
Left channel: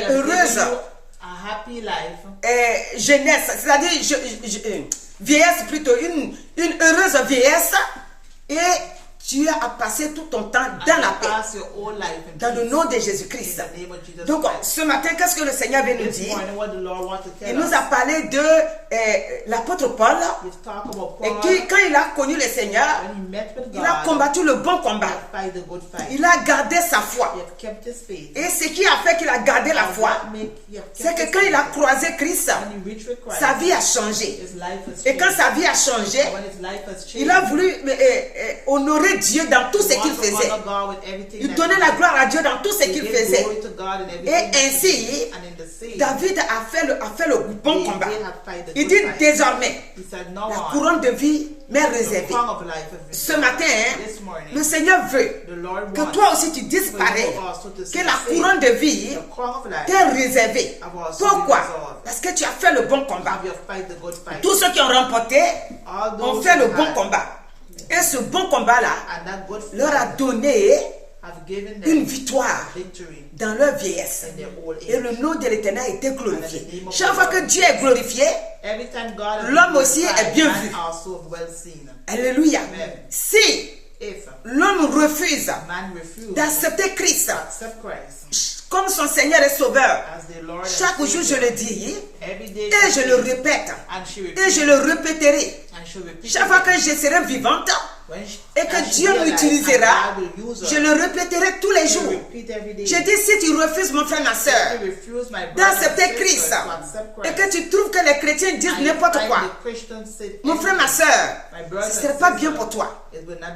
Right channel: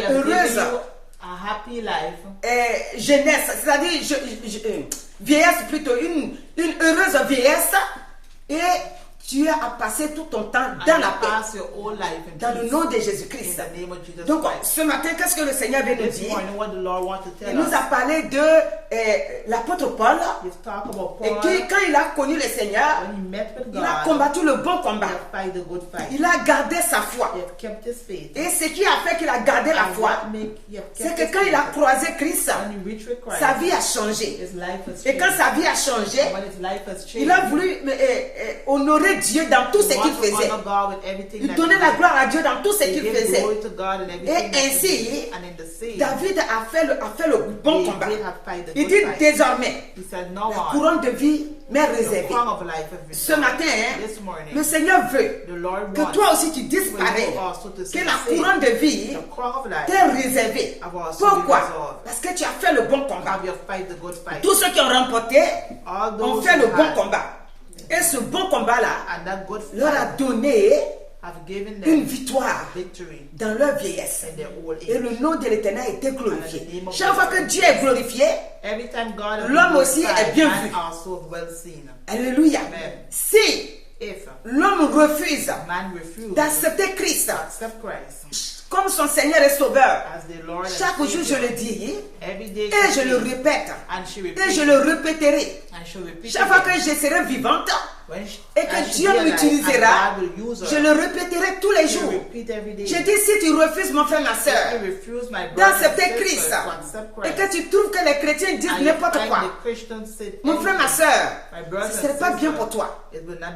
heureuse jeunesse, c'est-à-dire vieillesse plutôt, une heureuse vieillesse, et tu as passé tout ton temps dans la paix, dans le nom de Jésus-Christ. Donc, ce matin, qu'est-ce que le Seigneur veut nous dire? Il nous a parlé de l'apôtre Paul, et qui, quand il a connu le Seigneur, il a combattu le bon combat. Il a gardé sa foi. Et ce qui a fait qu'il a gardé la foi, c'est que quand il a croisé Christ, sa vie a changé. Et quand sa vie a changé, il a voulu honorer Dieu dans tout ce qu'il faisait. Il donnait la gloire à Dieu dans tout ce qu'il faisait. Et ainsi, David a fait le bon combat. Il dit désormais, la couronne de vie m'est réservée. Ce matin, le Seigneur veut que toi aussi tu dises pareil, que la couronne de vie t'est réservée. Pourquoi? Parce que tu as fait le bon combat. Tous ceux qui ont remporté ont fait le bon combat. Et ce bon combat-là leur a donné une victoire dans leur vieillesse. Et le nom de l'Éternel a été glorifié. Chaque fois que Dieu est glorifié, l'homme aussi est bien vu. Alléluia. Si l'homme refuse d'accepter Christ comme son Seigneur et Sauveur, chaque jour je le dis et je le répète et je le répéterai. Chaque fois que je serai vivante et que Dieu m'utilisera, je le répéterai tous les jours. Je dis, si tu refuses, mon frère, ma soeur, d'accepter Christ et que tu trouves que les chrétiens disent n'importe quoi, mon frère, ma soeur, ce ne serait pas bien pour toi.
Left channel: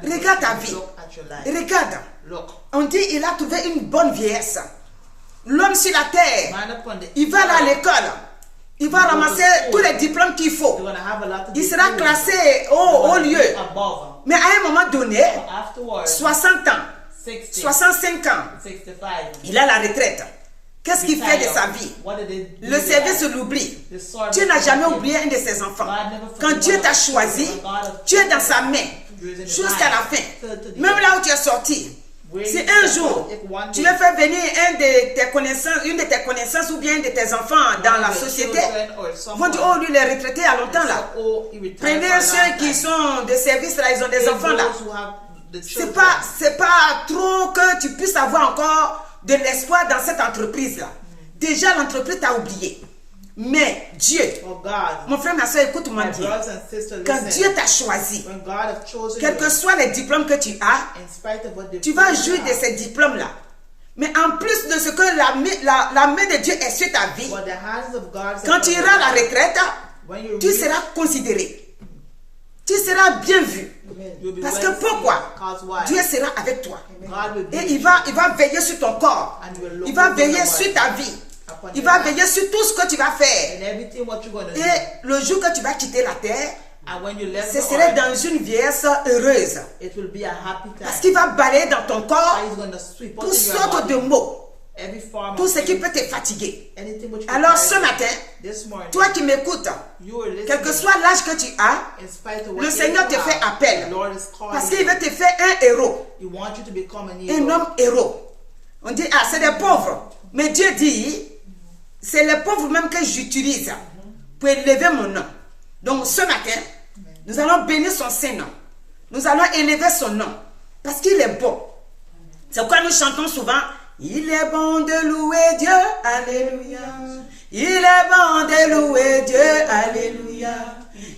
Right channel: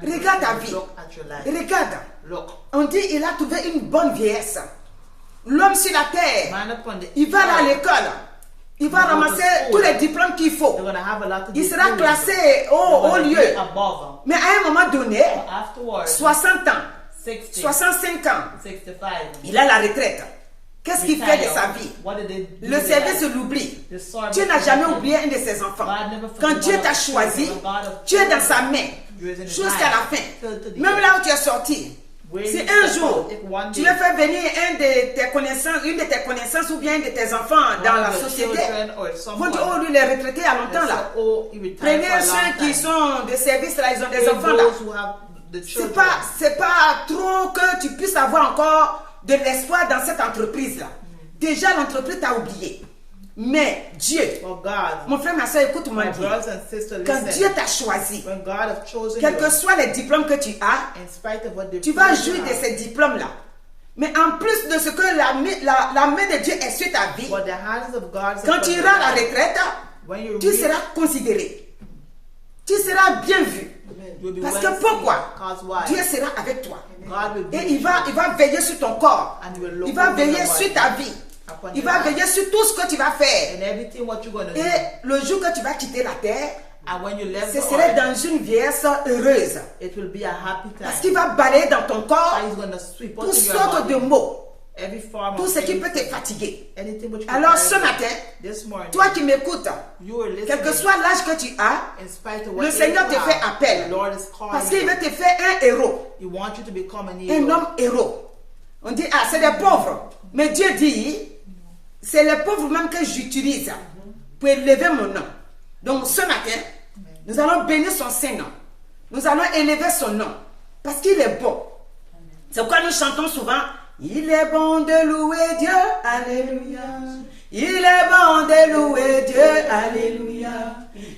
Regarde ta vie. Regarde. On dit il a trouvé une bonne vieillesse. L'homme sur la terre, il va à l'école. Il va ramasser tous les diplômes qu'il faut. Il sera classé au lieu. Mais à un moment donné, 60 ans, 65 ans, il a la retraite. Qu'est-ce qu'il fait de sa vie? Le service l'oublie. Dieu n'a jamais oublié un de ses enfants. Quand Dieu t'a choisi, tu es dans sa main jusqu'à la fin. Même là où tu es sorti. Si un jour tu veux faire venir une de tes connaissances ou bien un de tes enfants dans la société, vont dire, oh lui il est retraité à longtemps là. Prenez ceux qui sont de service là, ils ont des enfants là. C'est pas trop que tu puisses avoir encore de l'espoir dans cette entreprise là. Déjà l'entreprise t'a oublié. Mais Dieu, mon frère, ma soeur, écoute-moi bien. Quand Dieu t'a choisi, quels que soient les diplômes que tu as, tu vas jouir de ces diplômes-là. Mais en plus de ce que la main de Dieu est sur ta vie, quand tu iras à la retraite, tu seras considéré. Tu seras bien vu. Parce que pourquoi? Dieu sera avec toi. Et il va veiller sur ton corps. Il va veiller sur ta vie. Il va veiller sur tout ce que tu vas faire. Et le jour que tu vas quitter la terre, ce serait dans une vieillesse heureuse. Parce qu'il va balayer dans ton corps toutes sortes de maux. Tout ce qui peut te fatiguer. Alors ce matin, toi qui m'écoutes, quel que soit l'âge que tu as, le Seigneur te fait appel. Parce qu'il veut te faire un héros. Un homme héros. On dit, ah, c'est des pauvres. Mais Dieu dit, c'est les pauvres même que j'utilise pour élever mon nom. Donc ce matin, nous allons bénir son Saint-Nom. Nous allons élever son nom. Parce qu'il est bon. C'est pourquoi nous chantons souvent, il est bon de louer Dieu, alléluia. Il est bon de louer Dieu, alléluia.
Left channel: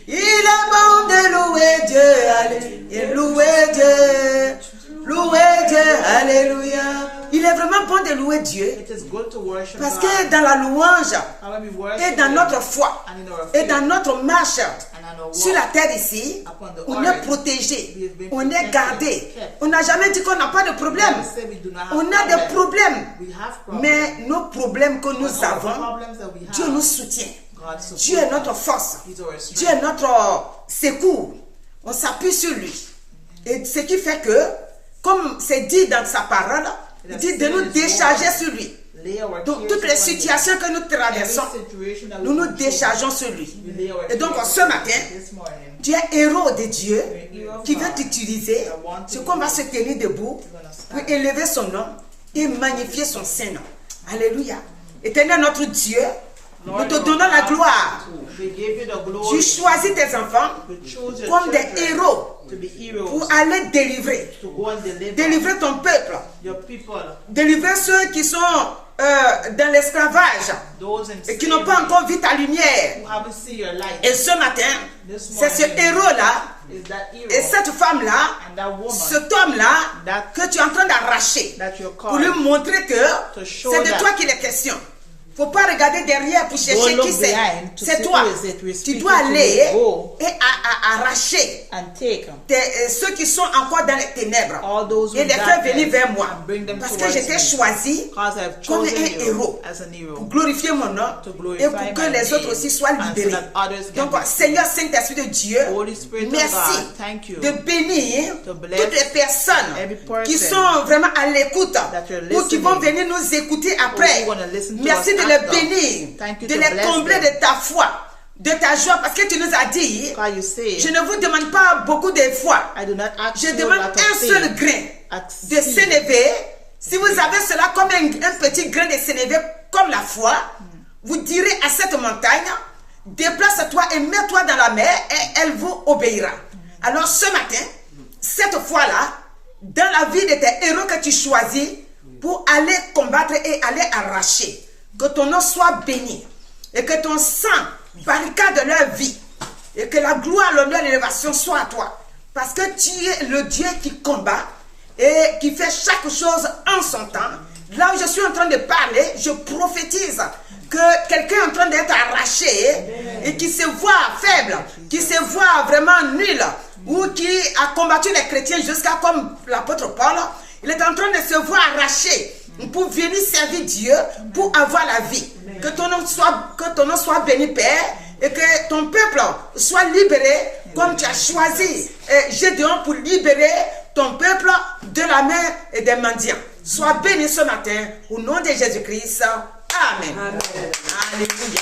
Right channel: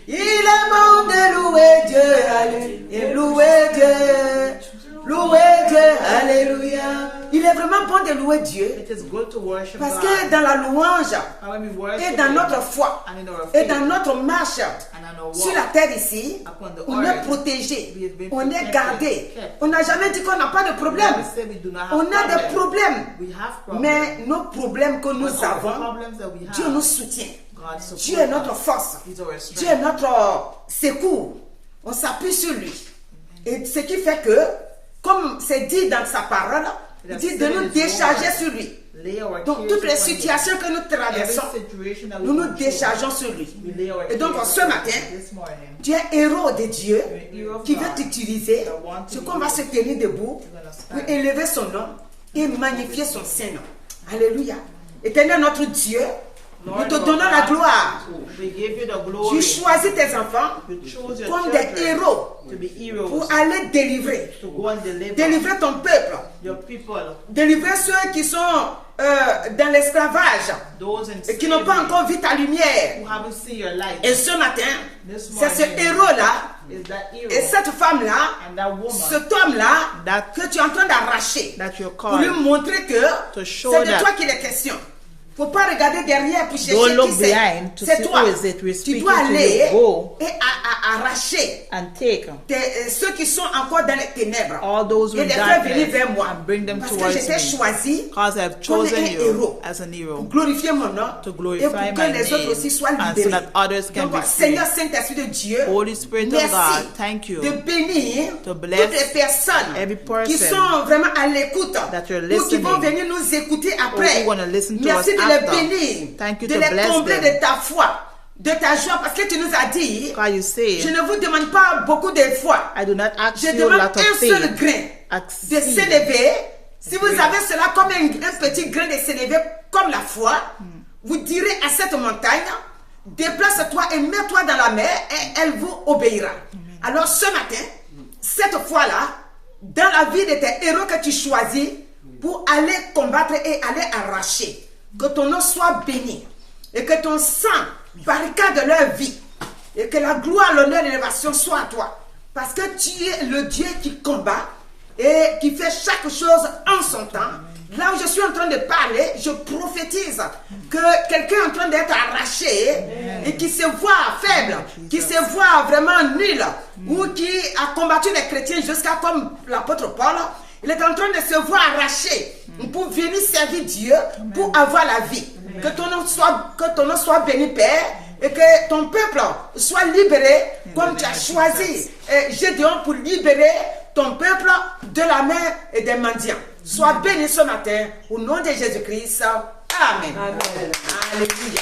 Il est bon de louer Dieu, alléluia. Louer Dieu. Louer Dieu, alléluia. Il est vraiment bon de louer Dieu. Parce que dans la louange et dans notre foi et dans notre marche sur la terre ici, on est protégé, on est gardé. On n'a jamais dit qu'on n'a pas de problème. On a des problèmes. Mais nos problèmes que nous avons, Dieu nous soutient. Dieu est notre force. Dieu est notre secours. On s'appuie sur lui. Et ce qui fait que, comme c'est dit dans sa parole, il dit de nous décharger sur lui. Donc toutes les situations que nous traversons, nous nous déchargeons sur lui. Et donc ce matin, tu es héros de Dieu qui veut t'utiliser. C'est qu'on va se tenir debout pour élever son nom et magnifier son Saint-Nom. Alléluia. Éternel notre Dieu, nous te donnons la gloire. Tu choisis tes enfants comme des héros pour aller délivrer ton peuple, délivrer ceux qui sont dans l'esclavage et qui n'ont pas encore vu ta lumière. Et ce matin, c'est ce héros-là et cette femme-là, cet homme-là que tu es en train d'arracher pour lui montrer que c'est de toi qu'il est question. Faut pas regarder derrière pour chercher qui c'est. C'est toi. Tu dois aller et arracher ceux qui sont encore dans les ténèbres et les faire venir vers moi. Parce que j'étais choisi comme un héros pour glorifier mon nom et pour que les autres aussi soient libérés. Donc, Seigneur Saint-Esprit de Dieu, merci de bénir toutes les personnes qui sont vraiment à l'écoute ou qui vont venir nous écouter après. Merci de les bénir, de les combler de ta foi, de ta joie, parce que tu nous as dit, je ne vous demande pas beaucoup de foi, je demande un seul grain de sénévé. Si vous avez cela comme un petit grain de sénévé, comme la foi, vous direz à cette montagne, déplace-toi et mets-toi dans la mer et elle vous obéira. Alors ce matin, cette foi-là, dans la vie de tes héros que tu choisis pour aller combattre et aller arracher, que ton nom soit béni et que ton sang barricade leur vie et que la gloire, l'honneur et l'élévation soient à toi. Parce que tu es le Dieu qui combat et qui fait chaque chose en son temps. Là où je suis en train de parler, je prophétise que quelqu'un est en train d'être arraché et qui se voit faible, qui se voit vraiment nul, ou qui a combattu les chrétiens jusqu'à comme l'apôtre Paul, il est en train de se voir arraché pour venir servir Dieu, pour avoir la vie. Que ton nom soit béni, Père, et que ton peuple soit libéré comme tu as choisi Gédéon pour libérer ton peuple de la main et des mendiants. Sois béni ce matin au nom de Jésus-Christ. Amen. Alléluia.